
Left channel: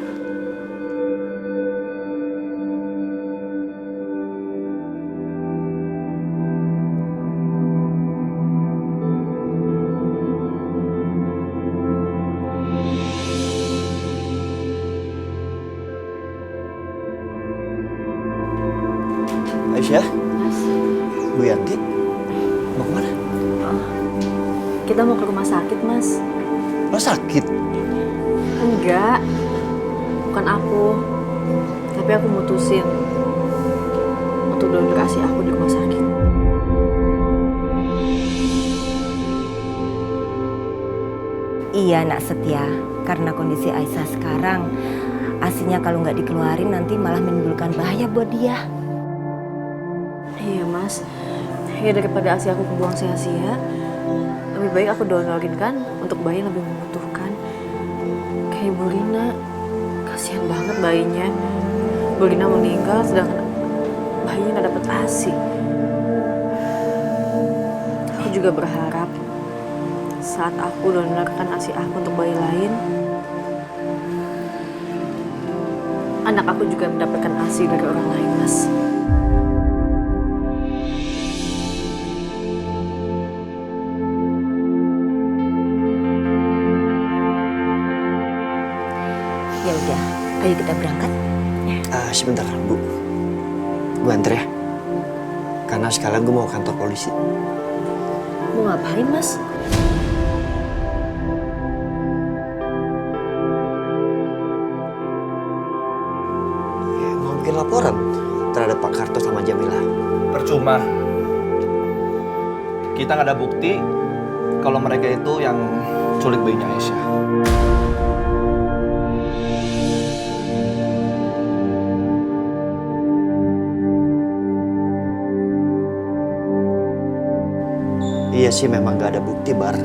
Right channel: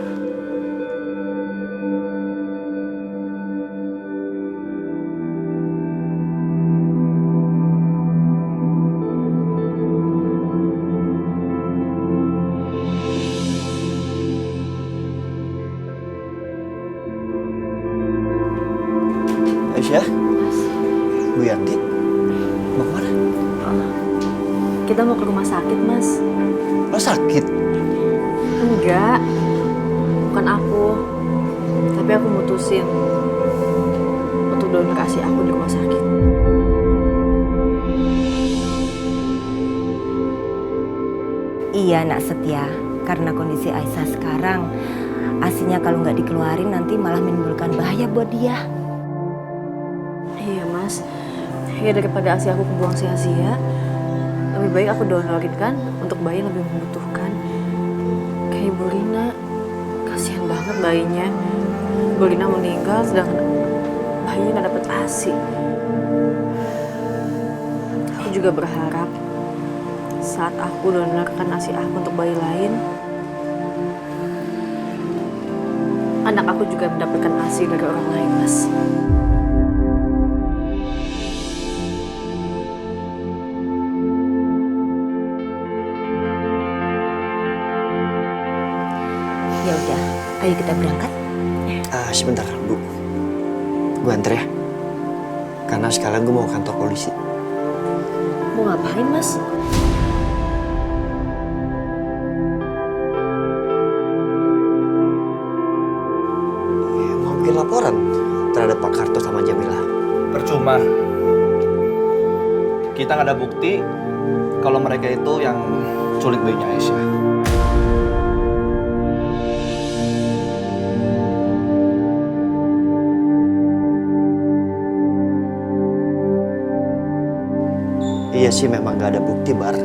Aisyah, Mas, Bu Yanti, mau kemana? kita mau ke rumah sakit, Mas. Lo sakit? Enggak, bukan aku. Tapi aku mutusin untuk donor ASI aku di rumah sakit. Iya nak Setia, karena kondisi Aisyah sekarang, ASInya kalau nggak dikeluarin nanti malah menimbulkan bahaya buat dia. Iya, Mas. Ya daripada ASI aku kebuang sia-sia, lebih baik aku donorin kan untuk bayi yang lebih membutuhkan. Kayak Ibu Rina, kasihan banget bayinya. Bu Rina meninggal sedangkan bayinya nggak dapet ASI. Aku juga berharap saat aku donorkan ASI aku untuk bayi lain, anak aku juga mendapatkan ASI dari orang lain, Mas. Ya udah, ayo kita berangkat. Sebentar, Bu. Gue anter ya. Karena sekalian gue mau ke kantor polisi. Mau ngapain, Mas? Ya, mau bikin laporan terhadap Pak Karto sama Jamila. Percuma. Kita nggak ada bukti kalau mereka itu yang culik bayinya Aisyah. Iya sih memang gak ada bukti, Bar.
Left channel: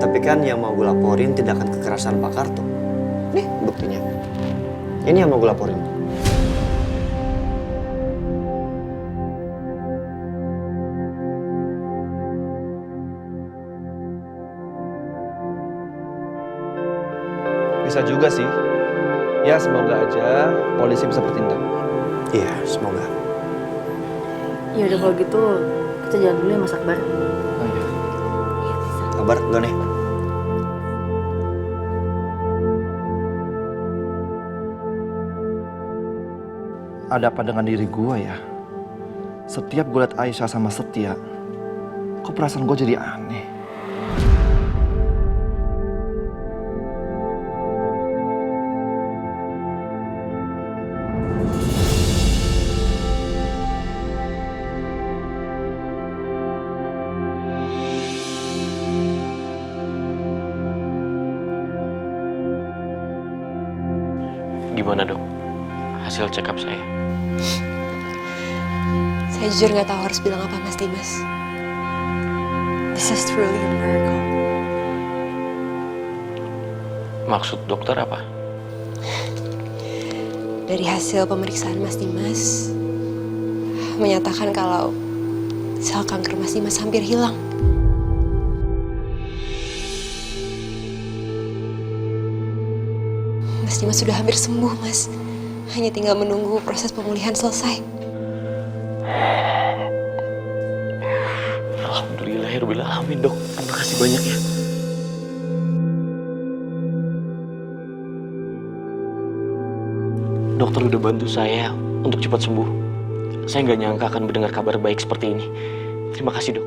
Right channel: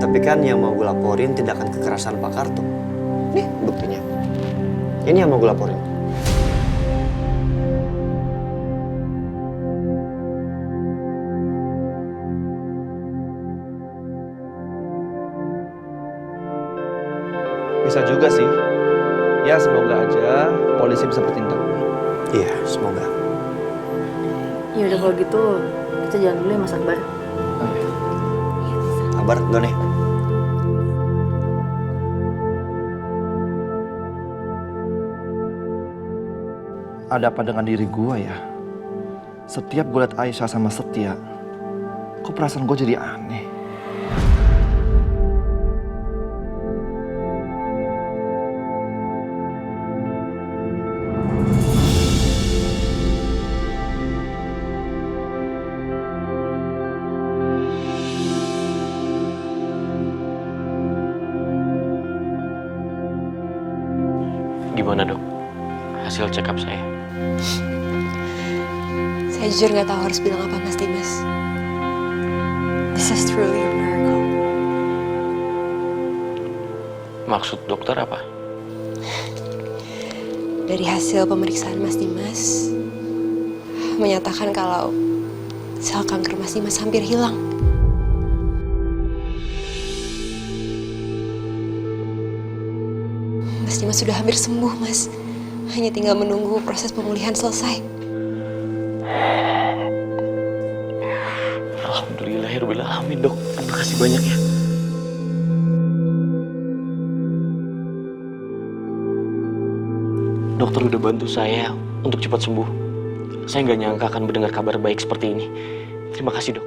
Tapi kan yang mau gue laporin tindakan kekerasan Pak Karto. Nih buktinya. Ini yang mau gue laporin. Bisa juga sih. Ya semoga aja polisi bisa bertindak. Iya, semoga. Ya udah kalau gitu kita jalan dulu ya, Mas Akbar. Kabar dulu nih. Ada apa dengan diri gue ya? Setiap gue liat Aisyah sama Setia, kok perasaan gue jadi aneh? Gimana dok? Hasil check up saya? Saya jujur nggak tahu harus bilang apa, Mas Dimas. This is truly a miracle. Maksud dokter apa? Dari hasil pemeriksaan Mas Dimas menyatakan kalau sel kanker Mas Dimas hampir hilang. Mas Dimas sudah hampir sembuh, Mas. Hanya tinggal menunggu proses pemulihan selesai. Alhamdulillahirrahmanirrahim dok. Terima kasih banyak ya. Dokter udah bantu saya untuk cepat sembuh. Saya nggak nyangka akan mendengar kabar baik seperti ini. Terima kasih dok.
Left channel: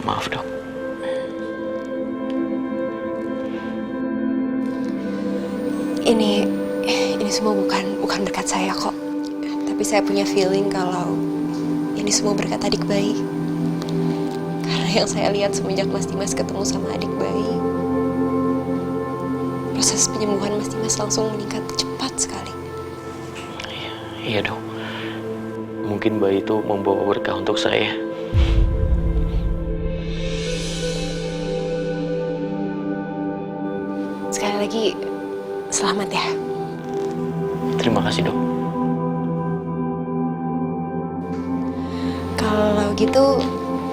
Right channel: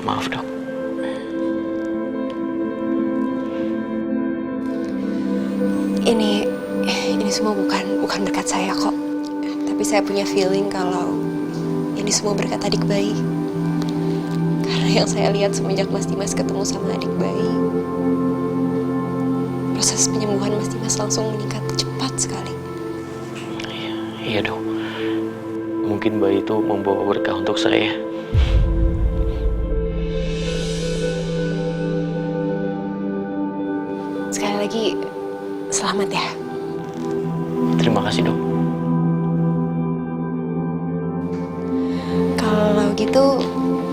Maaf dok. Ini semua bukan berkat saya kok. Tapi saya punya feeling kalau ini semua berkat adik bayi. Karena yang saya lihat semenjak Mas Dimas ketemu sama adik bayi, proses penyembuhan Mas Dimas langsung meningkat cepat sekali. Iya dok. Mungkin bayi itu membawa berkah untuk saya. Sekali lagi, selamat ya. Terima kasih dok. Kalau gitu,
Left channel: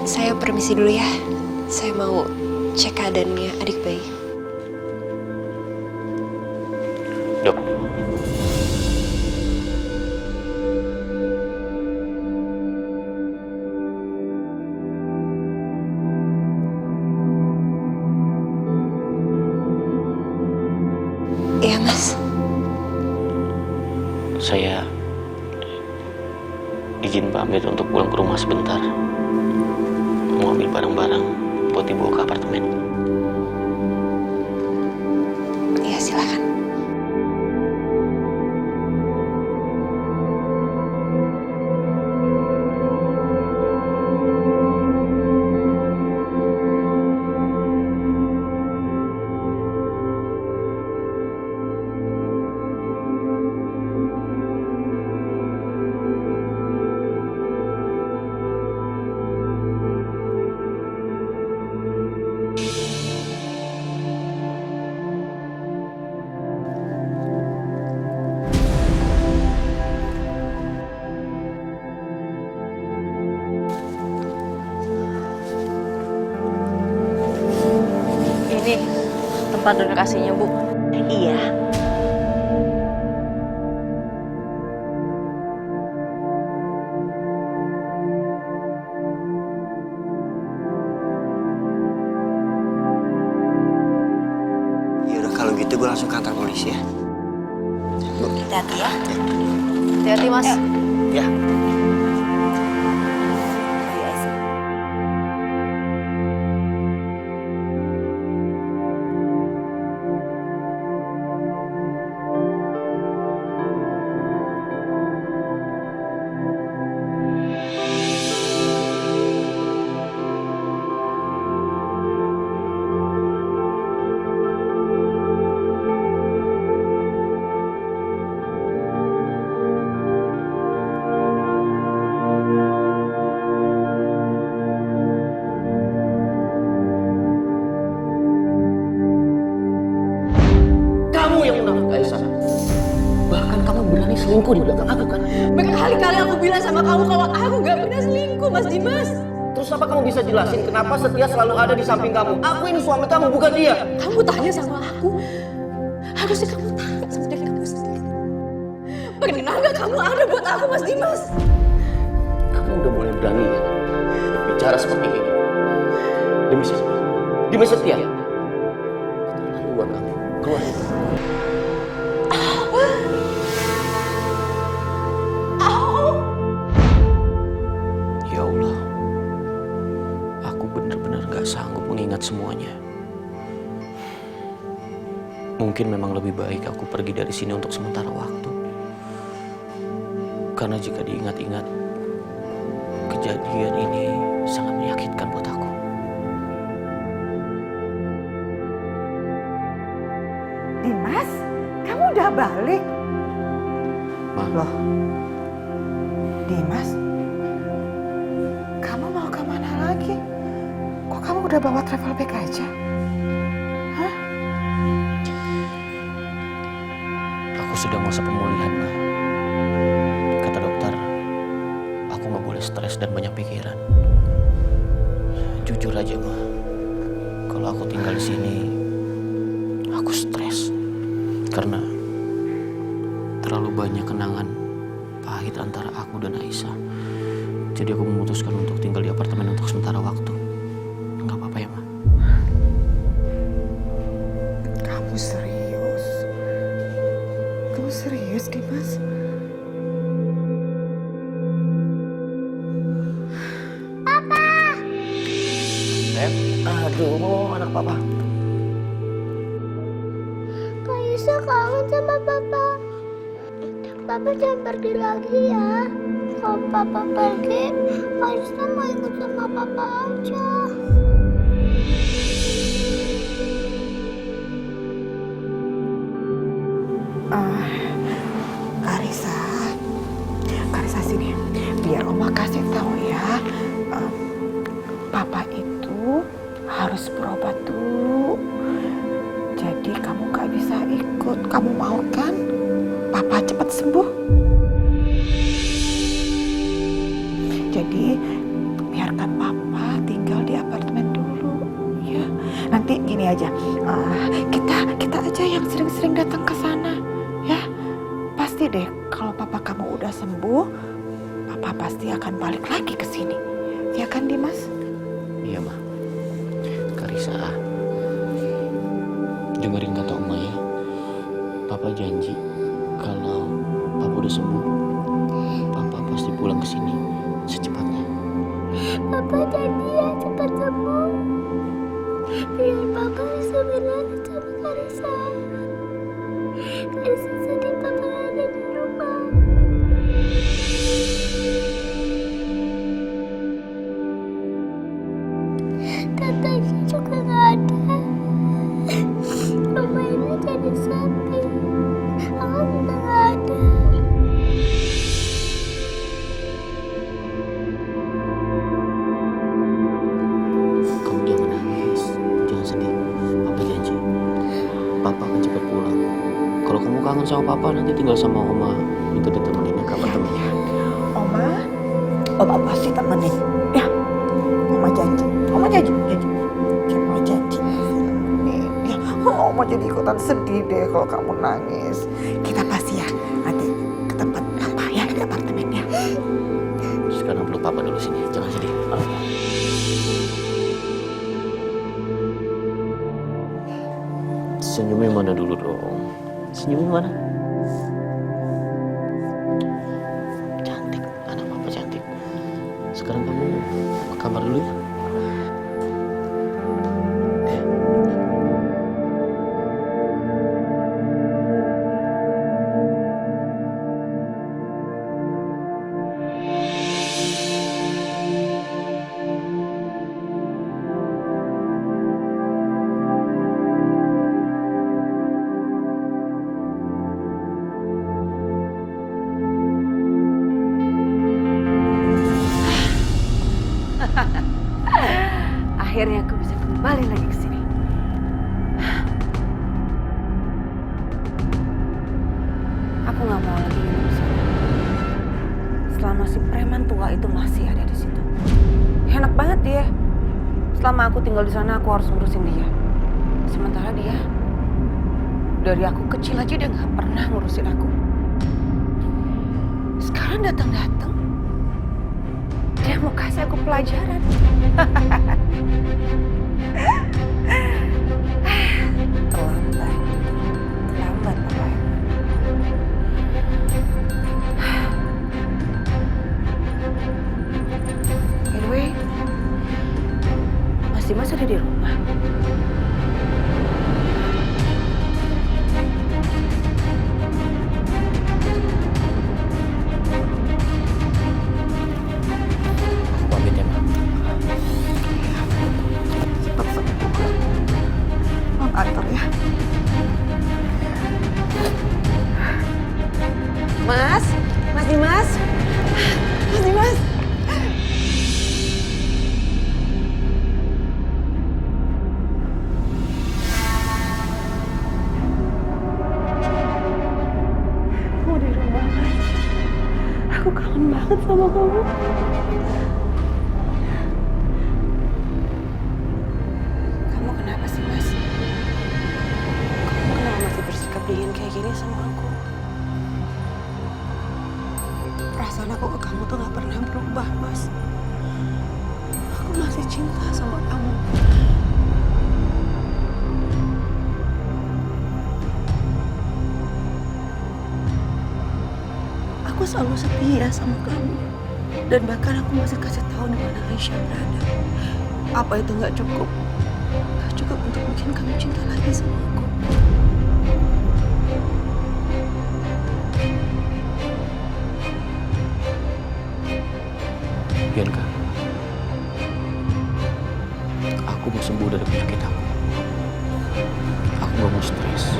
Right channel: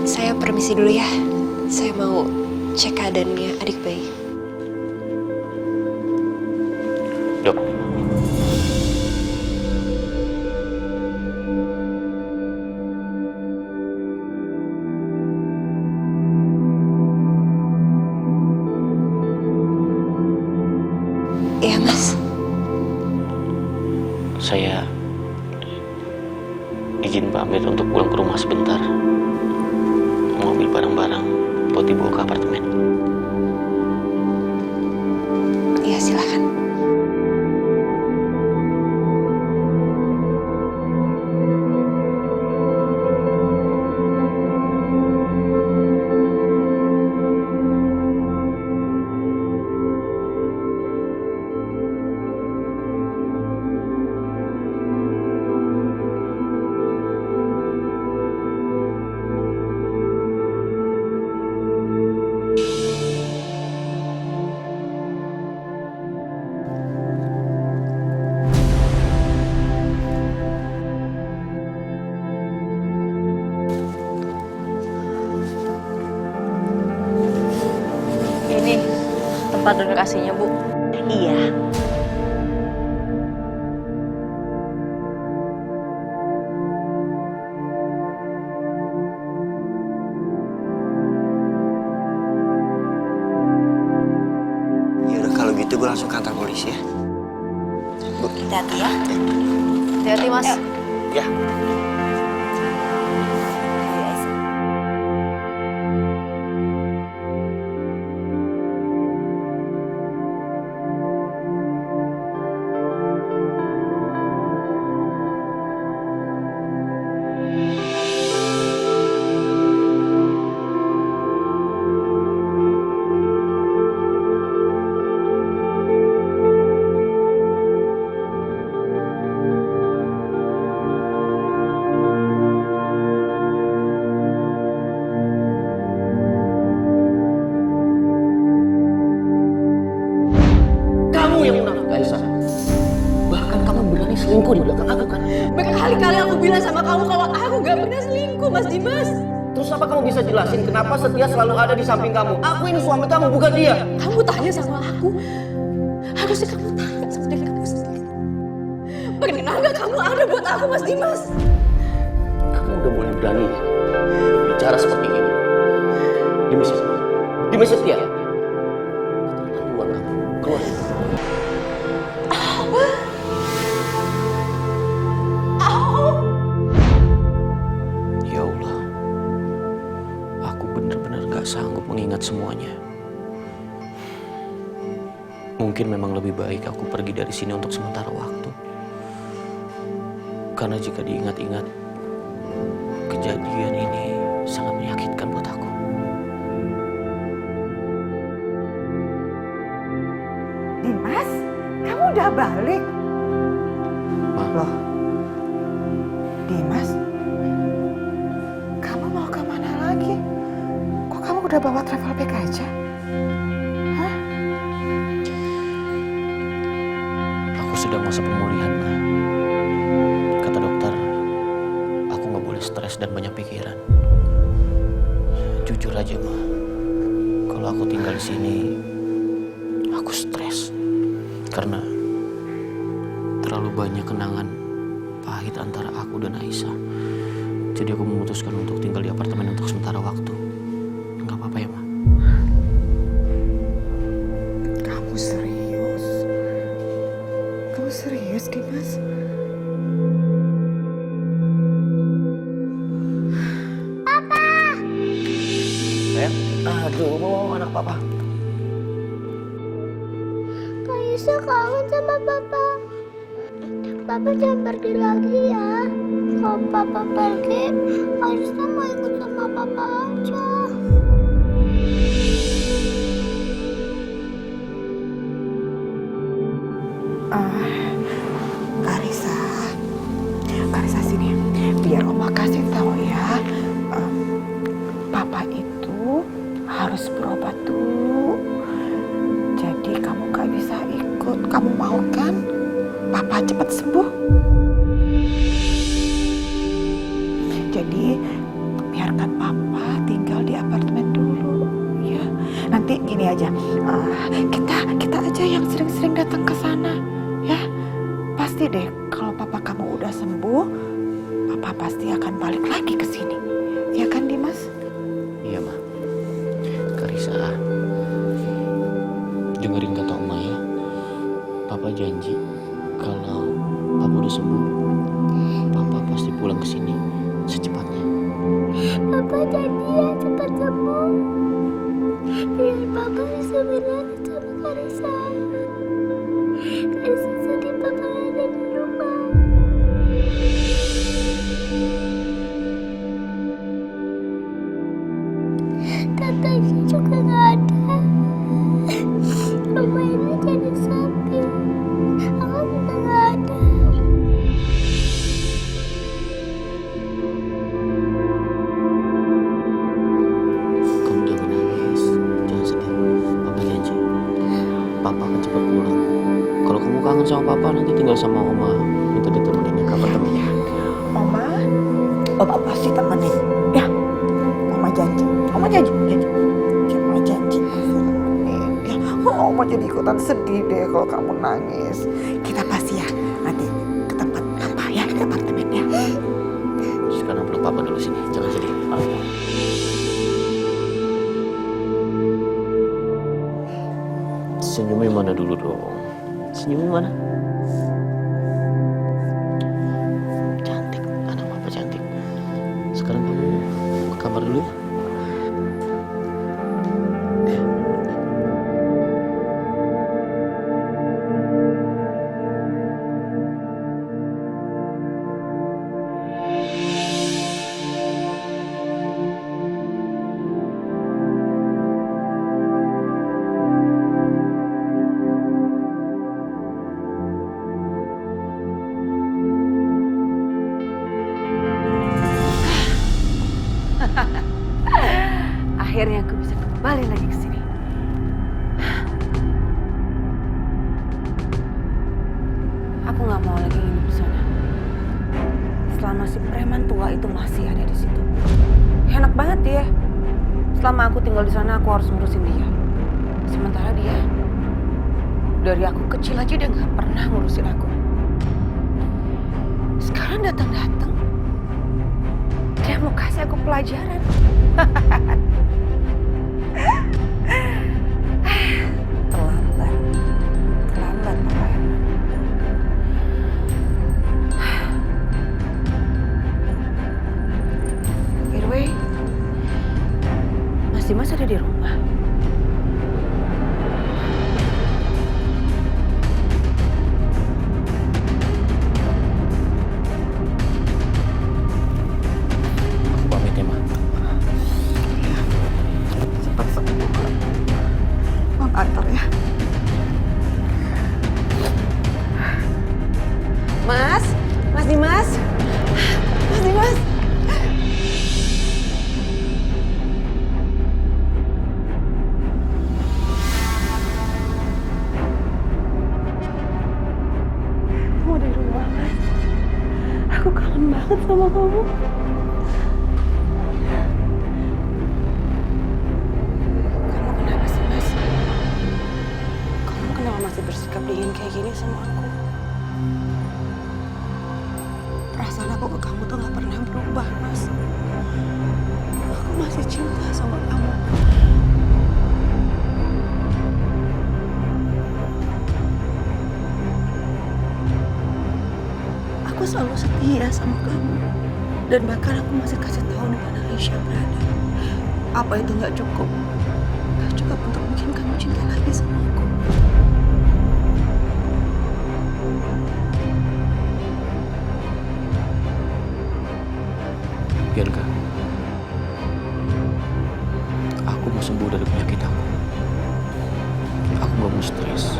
saya permisi dulu ya. Saya mau cek keadaannya adik bayi. Iya, Mas. Saya izin pamit untuk pulang ke rumah sebentar. Mau ambil barang-barang buat dibawa ke apartemen. Iya, silakan. Ini tempat donor aslinya, Bu. Iya. Ya udah kalau gitu gue langsung kantor polisi ya. Bu. Hati-hati ya. Hati-hati, Mas. Ya. Kamu yang munafik, Aisyah. Bahkan kamu berani selingkuh di belakang aku kan? Berkali-kali aku bilang sama kamu kalau aku gak pernah selingkuh, Mas Dimas. Terus apa kamu bisa jelasin kenapa Setia selalu ada di samping kamu? Aku ini suami kamu, bukan dia. Kamu tanya sama aku. Harusnya kamu tanya sama diri kamu sendiri. Pernah gak kamu ada buat aku, Mas Dimas? Kamu udah mulai berani ya berbicara seperti ini. Demi siapa? Demi Setia. Keterlaluan kamu. Keluar. Ya Allah, aku benar-benar gak sanggup mengingat semuanya. Mungkin memang lebih baik aku pergi dari sini untuk sementara waktu. Karena jika diingat-ingat, kejadian ini sangat menyakitkan buat aku. Dimas, kamu udah balik? Ma. Loh, Dimas, kamu mau kemana lagi? Kok kamu udah bawa travel bag aja? Hah? Aku sedang masa pemulihan, Ma. Kata dokter, aku nggak boleh stres dan banyak pikiran. Jujur aja, Ma. Kalau aku tinggal di sini, aku stres. Karena terlalu banyak kenangan pahit antara aku dan Aisyah. Jadi aku memutuskan untuk tinggal di apartemen untuk sementara waktu. Nggak apa-apa ya, Ma? Kamu serius? Kamu serius, Dimas? Aduh, anak papa. Kaisa kangen sama papa. Papa jangan pergi lagi ya. Kalau papa pergi, Kaisa mau ikut sama papa aja. Karisa sini. Biar Oma kasih tahu ya. Papa itu harus berobat dulu. Jadi kamu gak bisa ikut. Kamu mau kan Papa cepat sembuh? Jadi biarkan Papa tinggal di apartemen dulu ya. Nanti gini aja, kita aja yang sering-sering datang ke sana ya. Pasti deh kalau Papa kamu udah sembuh, Papa pasti akan balik lagi ke sini. Ya kan Dimas? Iya, Ma. Karisa, dengerin kata Oma ya. Papa janji kalau Papa udah sembuh, Papa pasti pulang ke sini secepatnya. Papa janji ya cepat sembuh. Biar Papa bisa berlari sama Karisa. Karisa sedih Papa gak ada di rumah. Katanya juga gak ada. Rumah ini jadi sepi. Aku juga gak ada. Kamu jangan nangis, jangan sedih. Papa janji, Papa akan cepat pulang. Kalau kamu kangen sama Papa, nanti tinggal sama Oma. Minta ditemenin ya ke apartemennya. Oma pasti temenin. Ya, Oma janji. Oma janji. Oma janji. Ya, Oma jadi ikutan sedih deh kalau kamu nangis. Kita pasti ya nanti ke tempat Papa ya, di apartemennya. Sekarang peluk Papa dulu sini, jangan sedih. Senyumnya mana dulu dong? Senyumnya mana? Cantik, anak Papa cantik. Sekarang kamu ke kamar dulu ya. Akhirnya aku bisa kembali lagi ke sini. Aku nggak mau lagi hidup di sana. Selama si preman tua itu masih ada di situ. Enak banget dia. Selama aku tinggal di sana, aku harus ngurusin dia. Sementara dia, dari aku kecil aja dia nggak pernah ngurusin aku. Sekarang datang-datang, dia mau kasih aku pelajaran. Terlambat Papa Herman. By the way, Mas Dimas ada di rumah. Aku pamit ya, Ma. Cepat sembuh. Mama antar ya. Mas Dimas. Mas Dimas. Kamu di rumah, Mas. Aku kangen banget sama kamu. Kamu kenapa sih, Mas? Kamu kenapa masih bersikap dingin kayak gini sama aku? Perasaan aku ke kamu tuh gak pernah berubah, Mas. Aku masih cinta sama kamu. Aku selalu setia sama kamu. Dan bahkan aku masih kasih tahu di mana Aisyah berada. Apa itu gak cukup? Gak cukup untuk bikin kamu cinta lagi sama aku. Bianca, aku mau sembuh dari penyakit aku. Aku gak mau stres.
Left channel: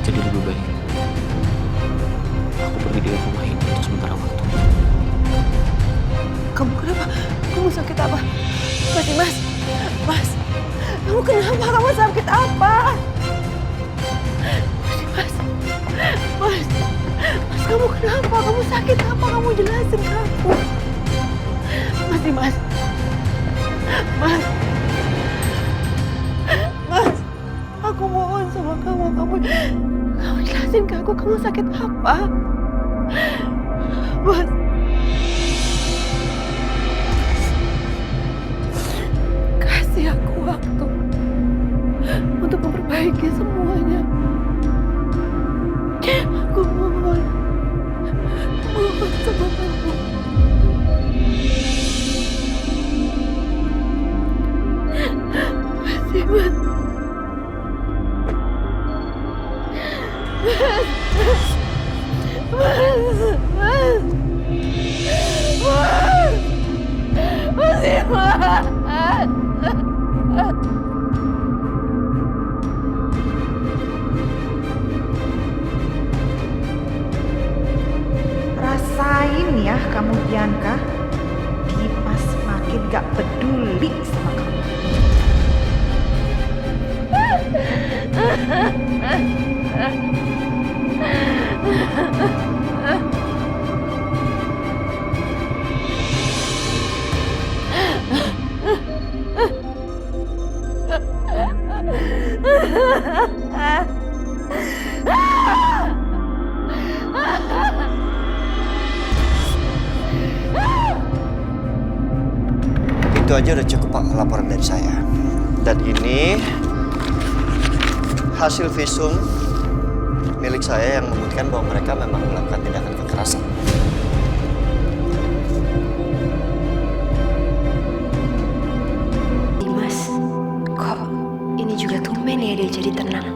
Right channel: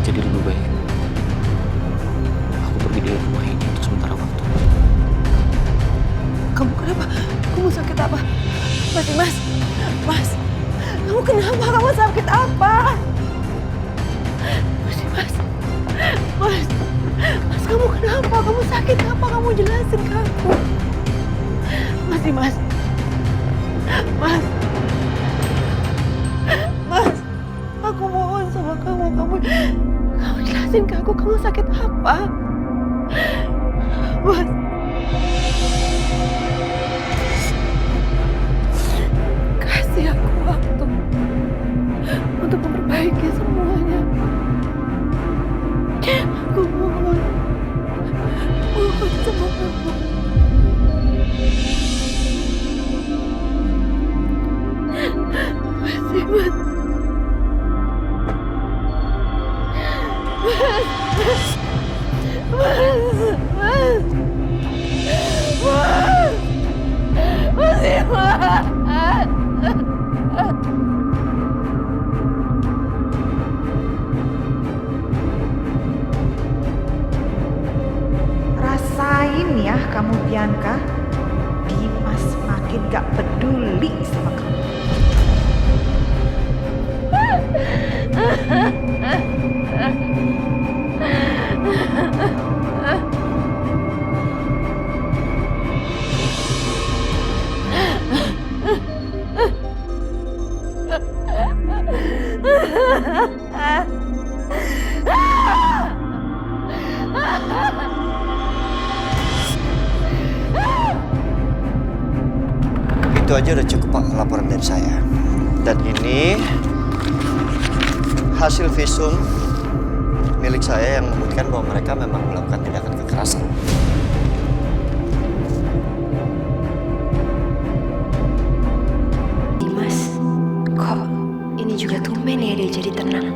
Jadi lebih baik aku pergi dari rumah ini untuk sementara waktu. Kamu kenapa? Kamu sakit apa? Mas, kamu kenapa? Kamu sakit apa? Mas, kamu kenapa? Kamu sakit apa? Kamu jelasin ke aku. Mas, aku mohon sama kamu. Kamu jelasin ke aku, kamu sakit apa? Mas. Kasih aku waktu untuk memperbaiki semuanya. Aku mohon sama kamu. Mas Dimas. Rasain ya kamu Bianca, Dimas makin gak peduli sama kamu. Itu aja udah cukup Pak laporan dari saya. Dan ini hasil visum milik saya yang membuktikan bahwa mereka memang melakukan tindakan kekerasan. Dimas, kok ini juga tumben ya dia jadi tenang.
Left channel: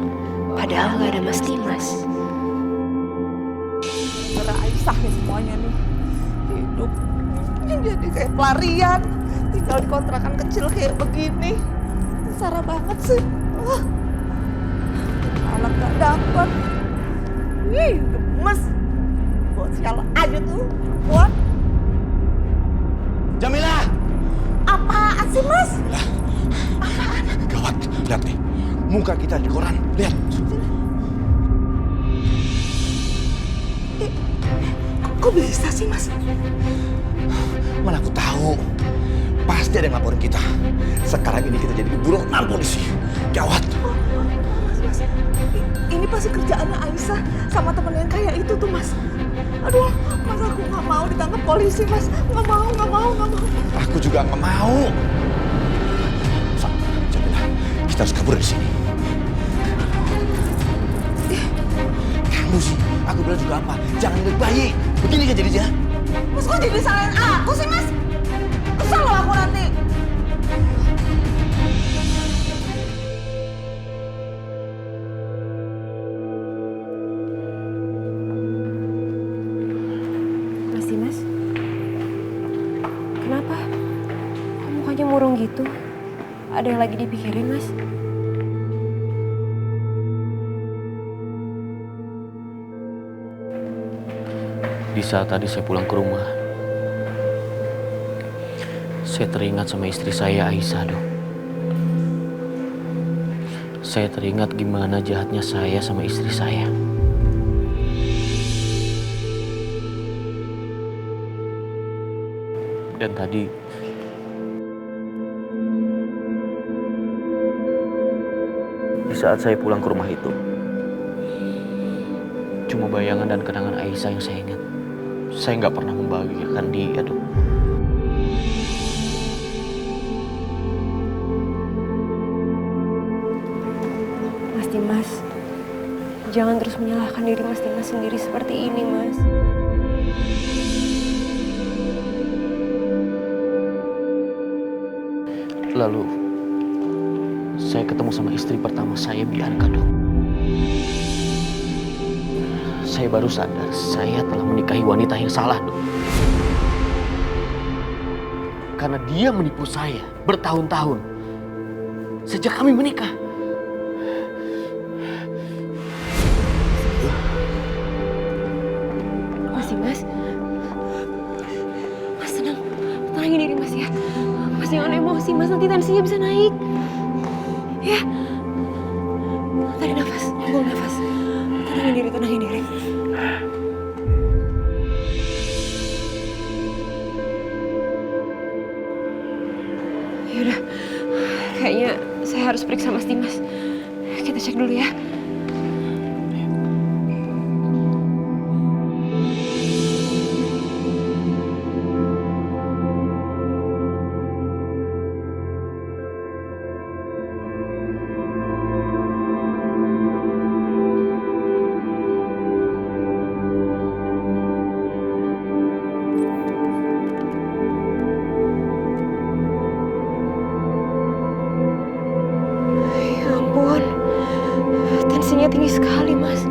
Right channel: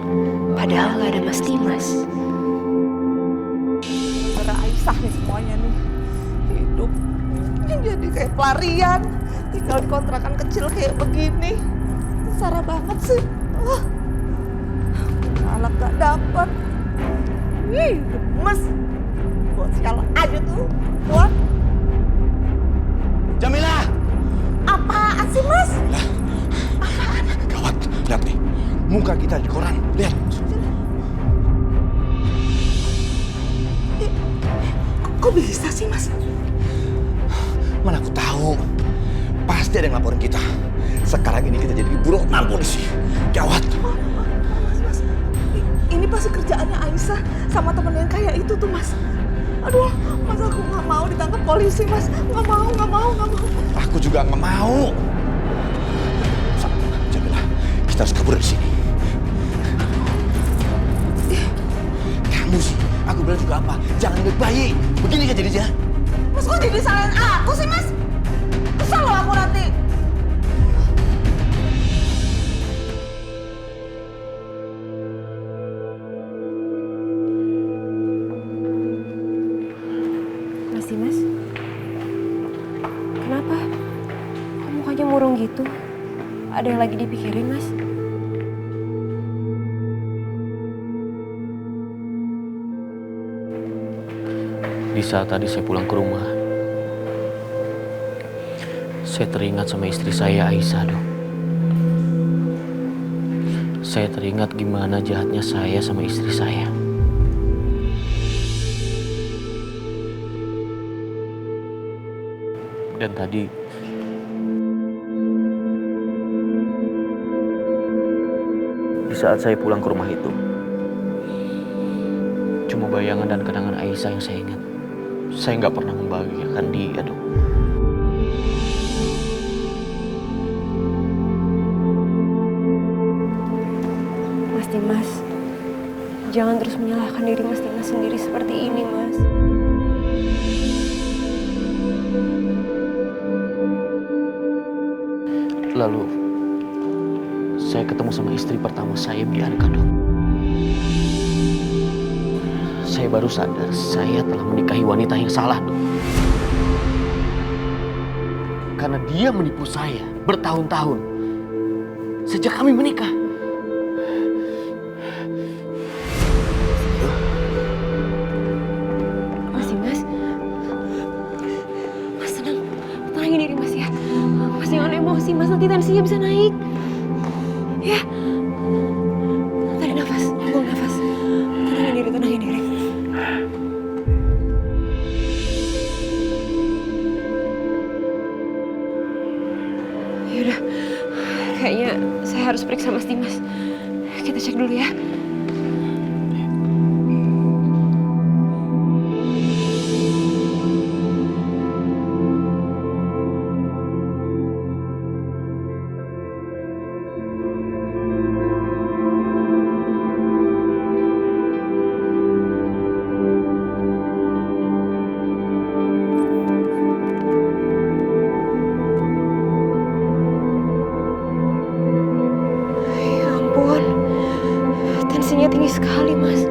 Padahal nggak ada Mas Dimas. Gara Aisyah nih semuanya nih. Hidup jadi kayak pelarian. Tinggal di kontrakan kecil kayak begini. Sengsara banget sih. Anak gak dapet. Ih, gemes. Buat sialan aja tuh. Buat. Jamilah! Apaan sih, Mas? Lah, gawat. Lihat nih, muka kita di koran. Lihat. Kok bisa sih, Mas? Mana aku tahu. Pasti ada yang laporin kita. Sekarang ini kita jadi buronan polisi. Gawat. Mas. Ini pasti kerjaannya Aisyah sama temen yang kayak itu tuh, Mas. Aduh, Mas aku nggak mau ditangkap polisi, Mas. Nggak mau. Aku juga nggak mau. Jamilah, kita harus kabur dari sini. Kamu sih, aku bilang juga apa? Jangan ingat bayi. Begini kan jadinya. Mas kok jadi salahin aku sih, Mas? Kesal loh aku nanti. Mas Dimas, kenapa? Kok mukanya murung gitu? Ada yang lagi dipikirin, Mas? Di saat tadi saya pulang ke rumah, saya teringat sama istri saya, Aisyah, Dok. Saya teringat gimana jahatnya saya sama istri saya. Dan tadi di saat saya pulang ke rumah itu, cuma bayangan dan kenangan Aisyah yang saya ingat. Saya nggak pernah membahagiakan dia, Dok. Mas Dimas, jangan terus menyalahkan diri Mas Dimas sendiri seperti ini, Mas. Lalu, saya ketemu sama istri pertama saya, Bianca, Dok. Saya baru sadar saya telah menikahi wanita yang salah, Dok. Karena dia menipu saya bertahun-tahun sejak kami menikah. Mas Dimas, Mas tenang, tenangin diri Mas ya. Mas jangan emosi, Mas nanti tensinya bisa naik. Ya, tarik nafas, buang nafas. Tenangin diri. Yaudah, kayaknya saya harus periksa Mas Dimas. Kita cek dulu ya. tinggi sekali, Mas.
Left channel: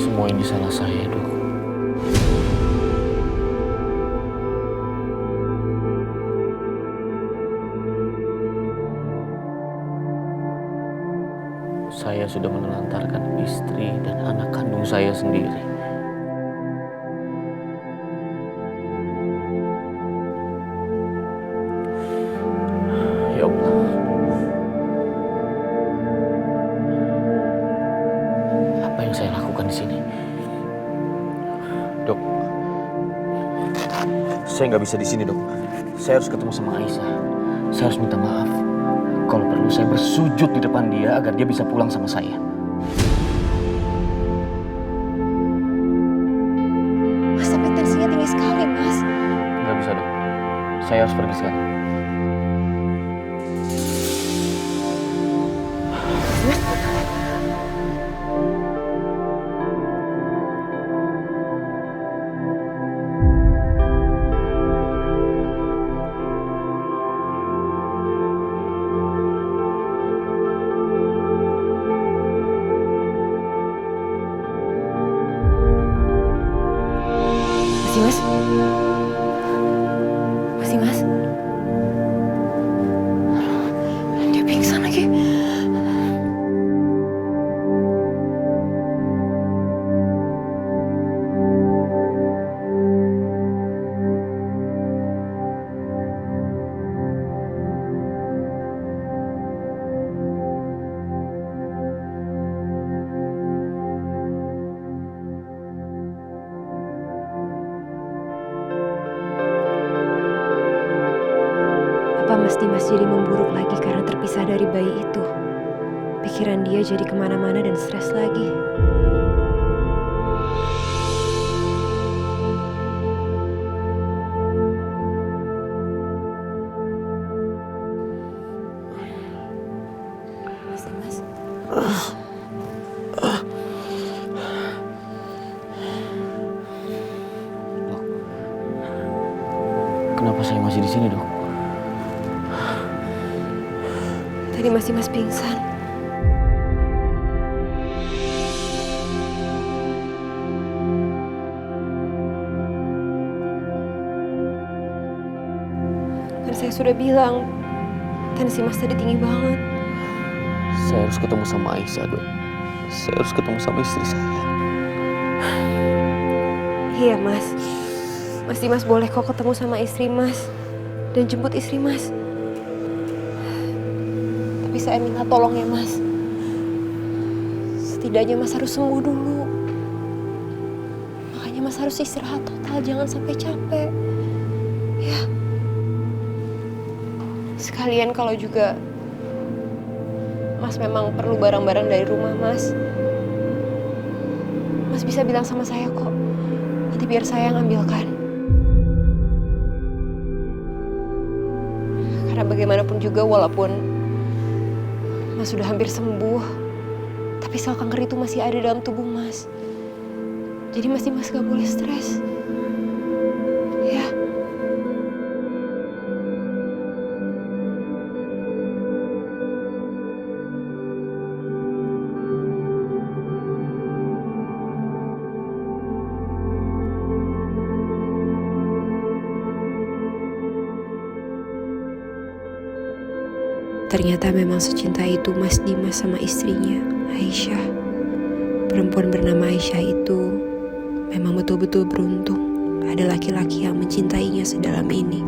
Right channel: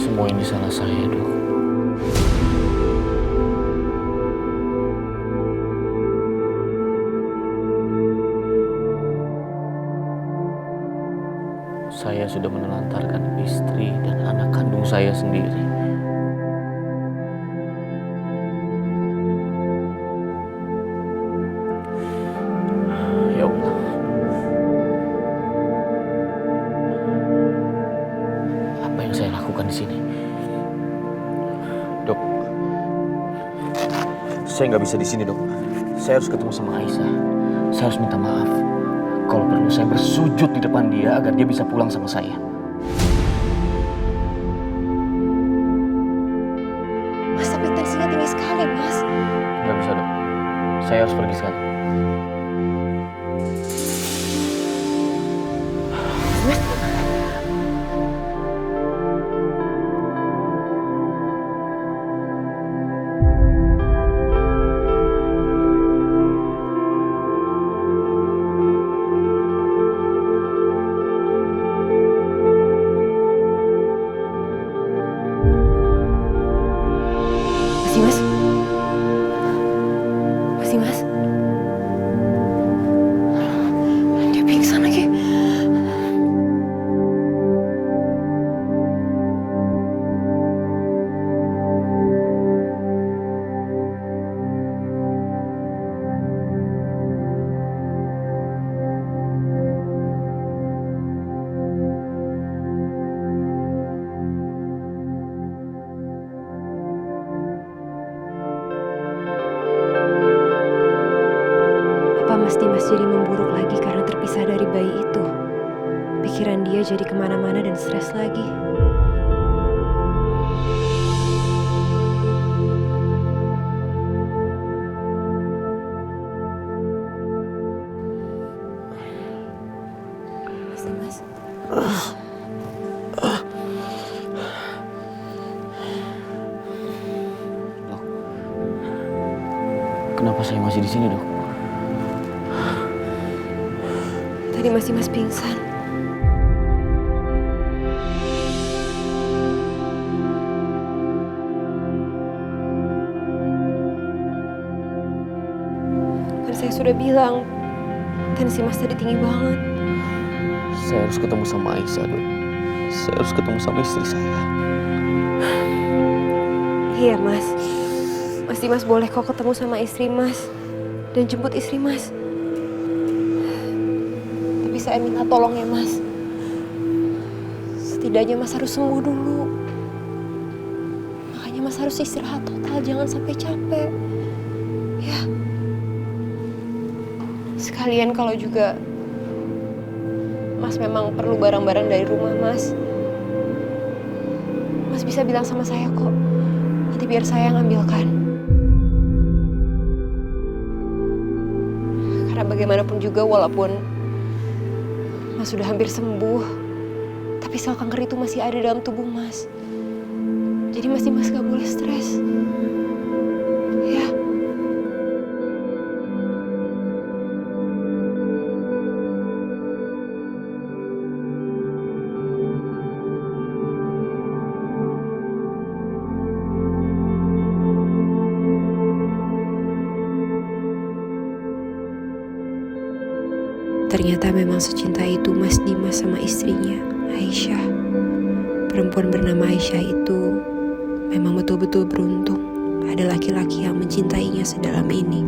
Semua ini salah saya, Dok. Saya sudah menelantarkan istri dan anak kandung saya sendiri. Ya Allah. Apa yang saya lakukan di sini? Dok, saya nggak bisa di sini, Dok. Saya harus ketemu sama Aisyah. Saya harus minta maaf. Kalau perlu saya bersujud di depan dia agar dia bisa pulang sama saya. Mas, tapi tensinya tinggi sekali, Mas. Nggak bisa, Dok. Saya harus pergi sekarang. Mas. Masih, Mas? Masih, Mas? Dia pingsan lagi. Apa Mas Dimas jadi memburuk lagi karena terpisah dari bayi itu? Pikiran dia jadi kemana-mana dan stres lagi. Mas Dimas? Dok, kenapa saya masih di sini, Dok? Tadi Mas Dimas pingsan. Kan saya sudah bilang, tensi Mas tadi tinggi banget. Saya harus ketemu sama Aisyah, Dok. Saya harus ketemu sama istri saya. Iya, Mas. Mas Dimas boleh kok ketemu sama istri Mas dan jemput istri Mas. Tapi saya minta tolong ya, Mas. Setidaknya Mas harus sembuh dulu. Makanya Mas harus istirahat total, jangan sampai capek. Ya. Sekalian kalau juga Mas memang perlu barang-barang dari rumah Mas, Mas bisa bilang sama saya kok. Nanti biar saya yang ambilkan. Karena bagaimanapun juga walaupun Mas sudah hampir sembuh, tapi sel kanker itu masih ada dalam tubuh Mas. Jadi Mas Dimas gak boleh stres. Ya. Ternyata memang secinta itu Mas Dimas sama istrinya, Aisyah. Perempuan bernama Aisyah itu memang betul-betul beruntung. Ada laki-laki yang mencintainya sedalam ini.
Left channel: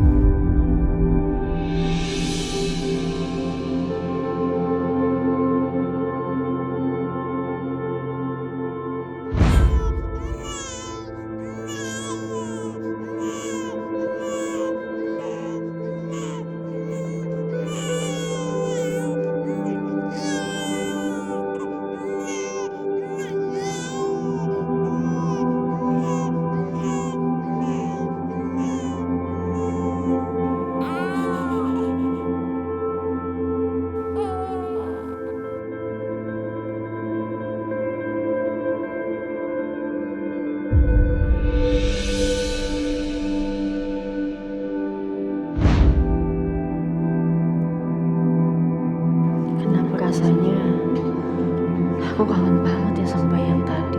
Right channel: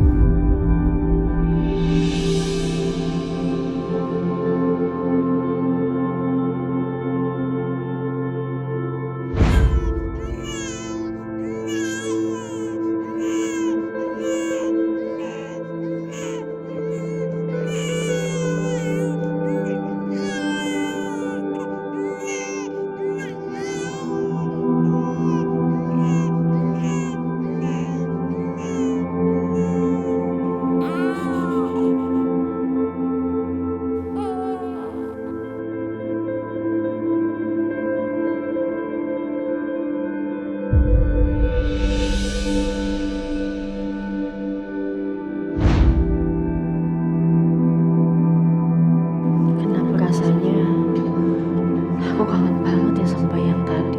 Aku kangen banget ya sama bayi yang tadi.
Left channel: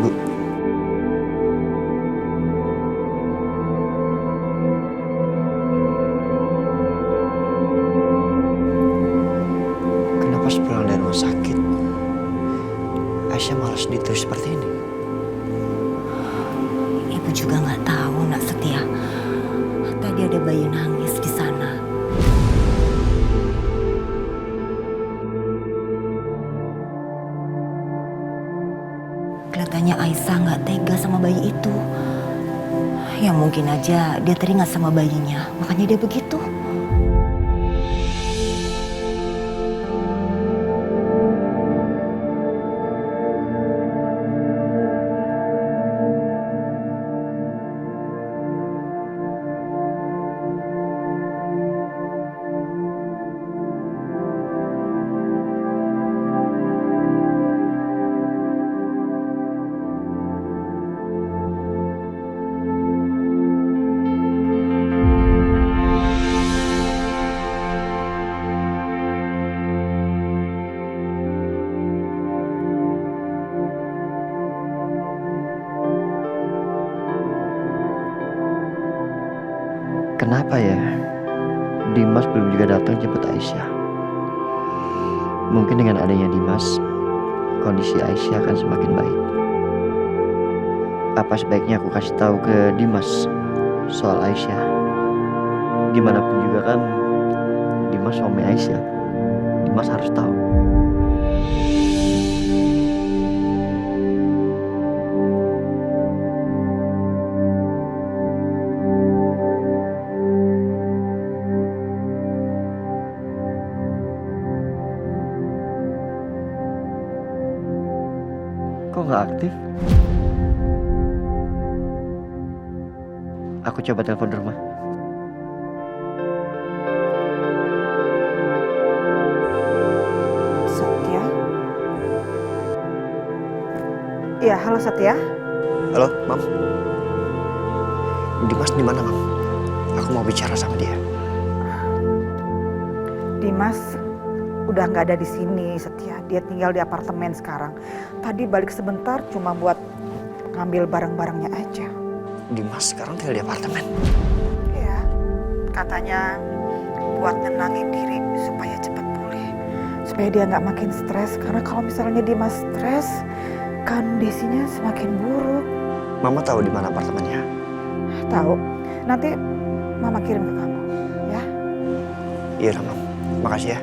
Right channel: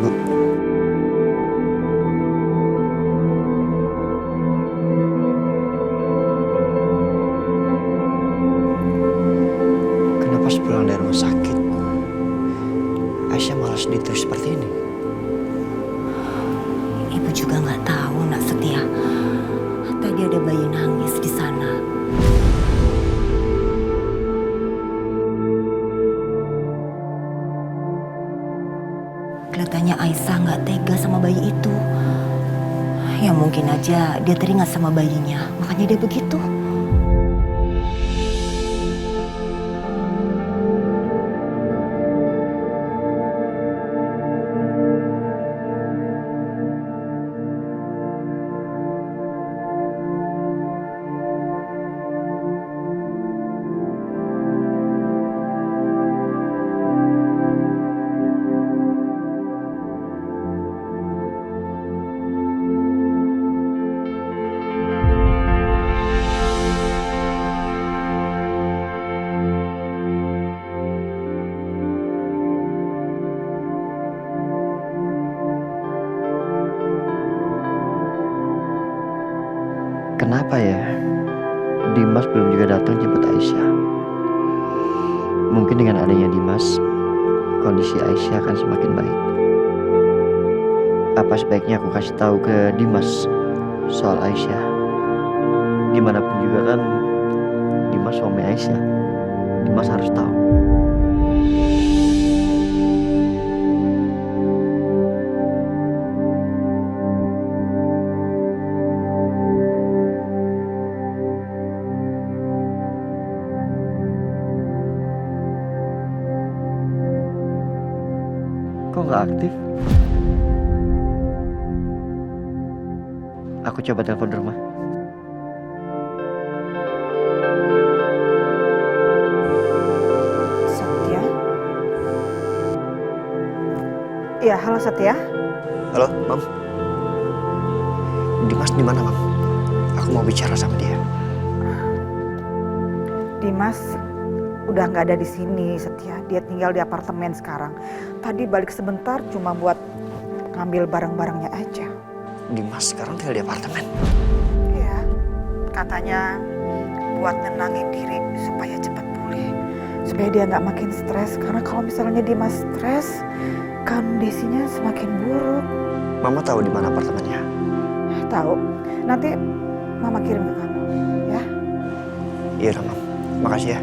Bu, kenapa sepulang dari rumah sakit Aisyah malah sedih terus seperti ini? Ibu juga nggak tahu, Nak Setia. Tadi ada bayi nangis di sana. Kelihatannya Aisyah nggak tega sama bayi itu. Ya mungkin aja dia teringat sama bayinya, makanya dia begitu. Kenapa ya Dimas belum juga datang jemput Aisyah? Mungkin dengan adanya Dimas, kondisi Aisyah akan semakin baik. Apa sebaiknya aku kasih tahu ke Dimas soal Aisyah? Gimanapun juga kan Dimas suami Aisyah. Dimas harus tahu. Kok nggak aktif? Aku coba telepon rumah. Setia? Iya, halo Setia. Halo, Mam. Dimas di mana, Mam? Aku mau bicara sama dia. Dimas udah nggak ada di sini, Setia. Dia tinggal di apartemen sekarang. Tadi balik sebentar cuma buat ngambil barang-barangnya aja. Dimas sekarang tinggal di apartemen. Iya, katanya buat nenangin diri supaya cepat pulih. Supaya dia nggak makin stres. Karena kalau misalnya Dimas stres, kondisinya semakin buruk. Mama tahu di mana apartemennya? Tahu. Nanti Mama kirim ke kamu, ya? Iya, Mam. Makasih ya.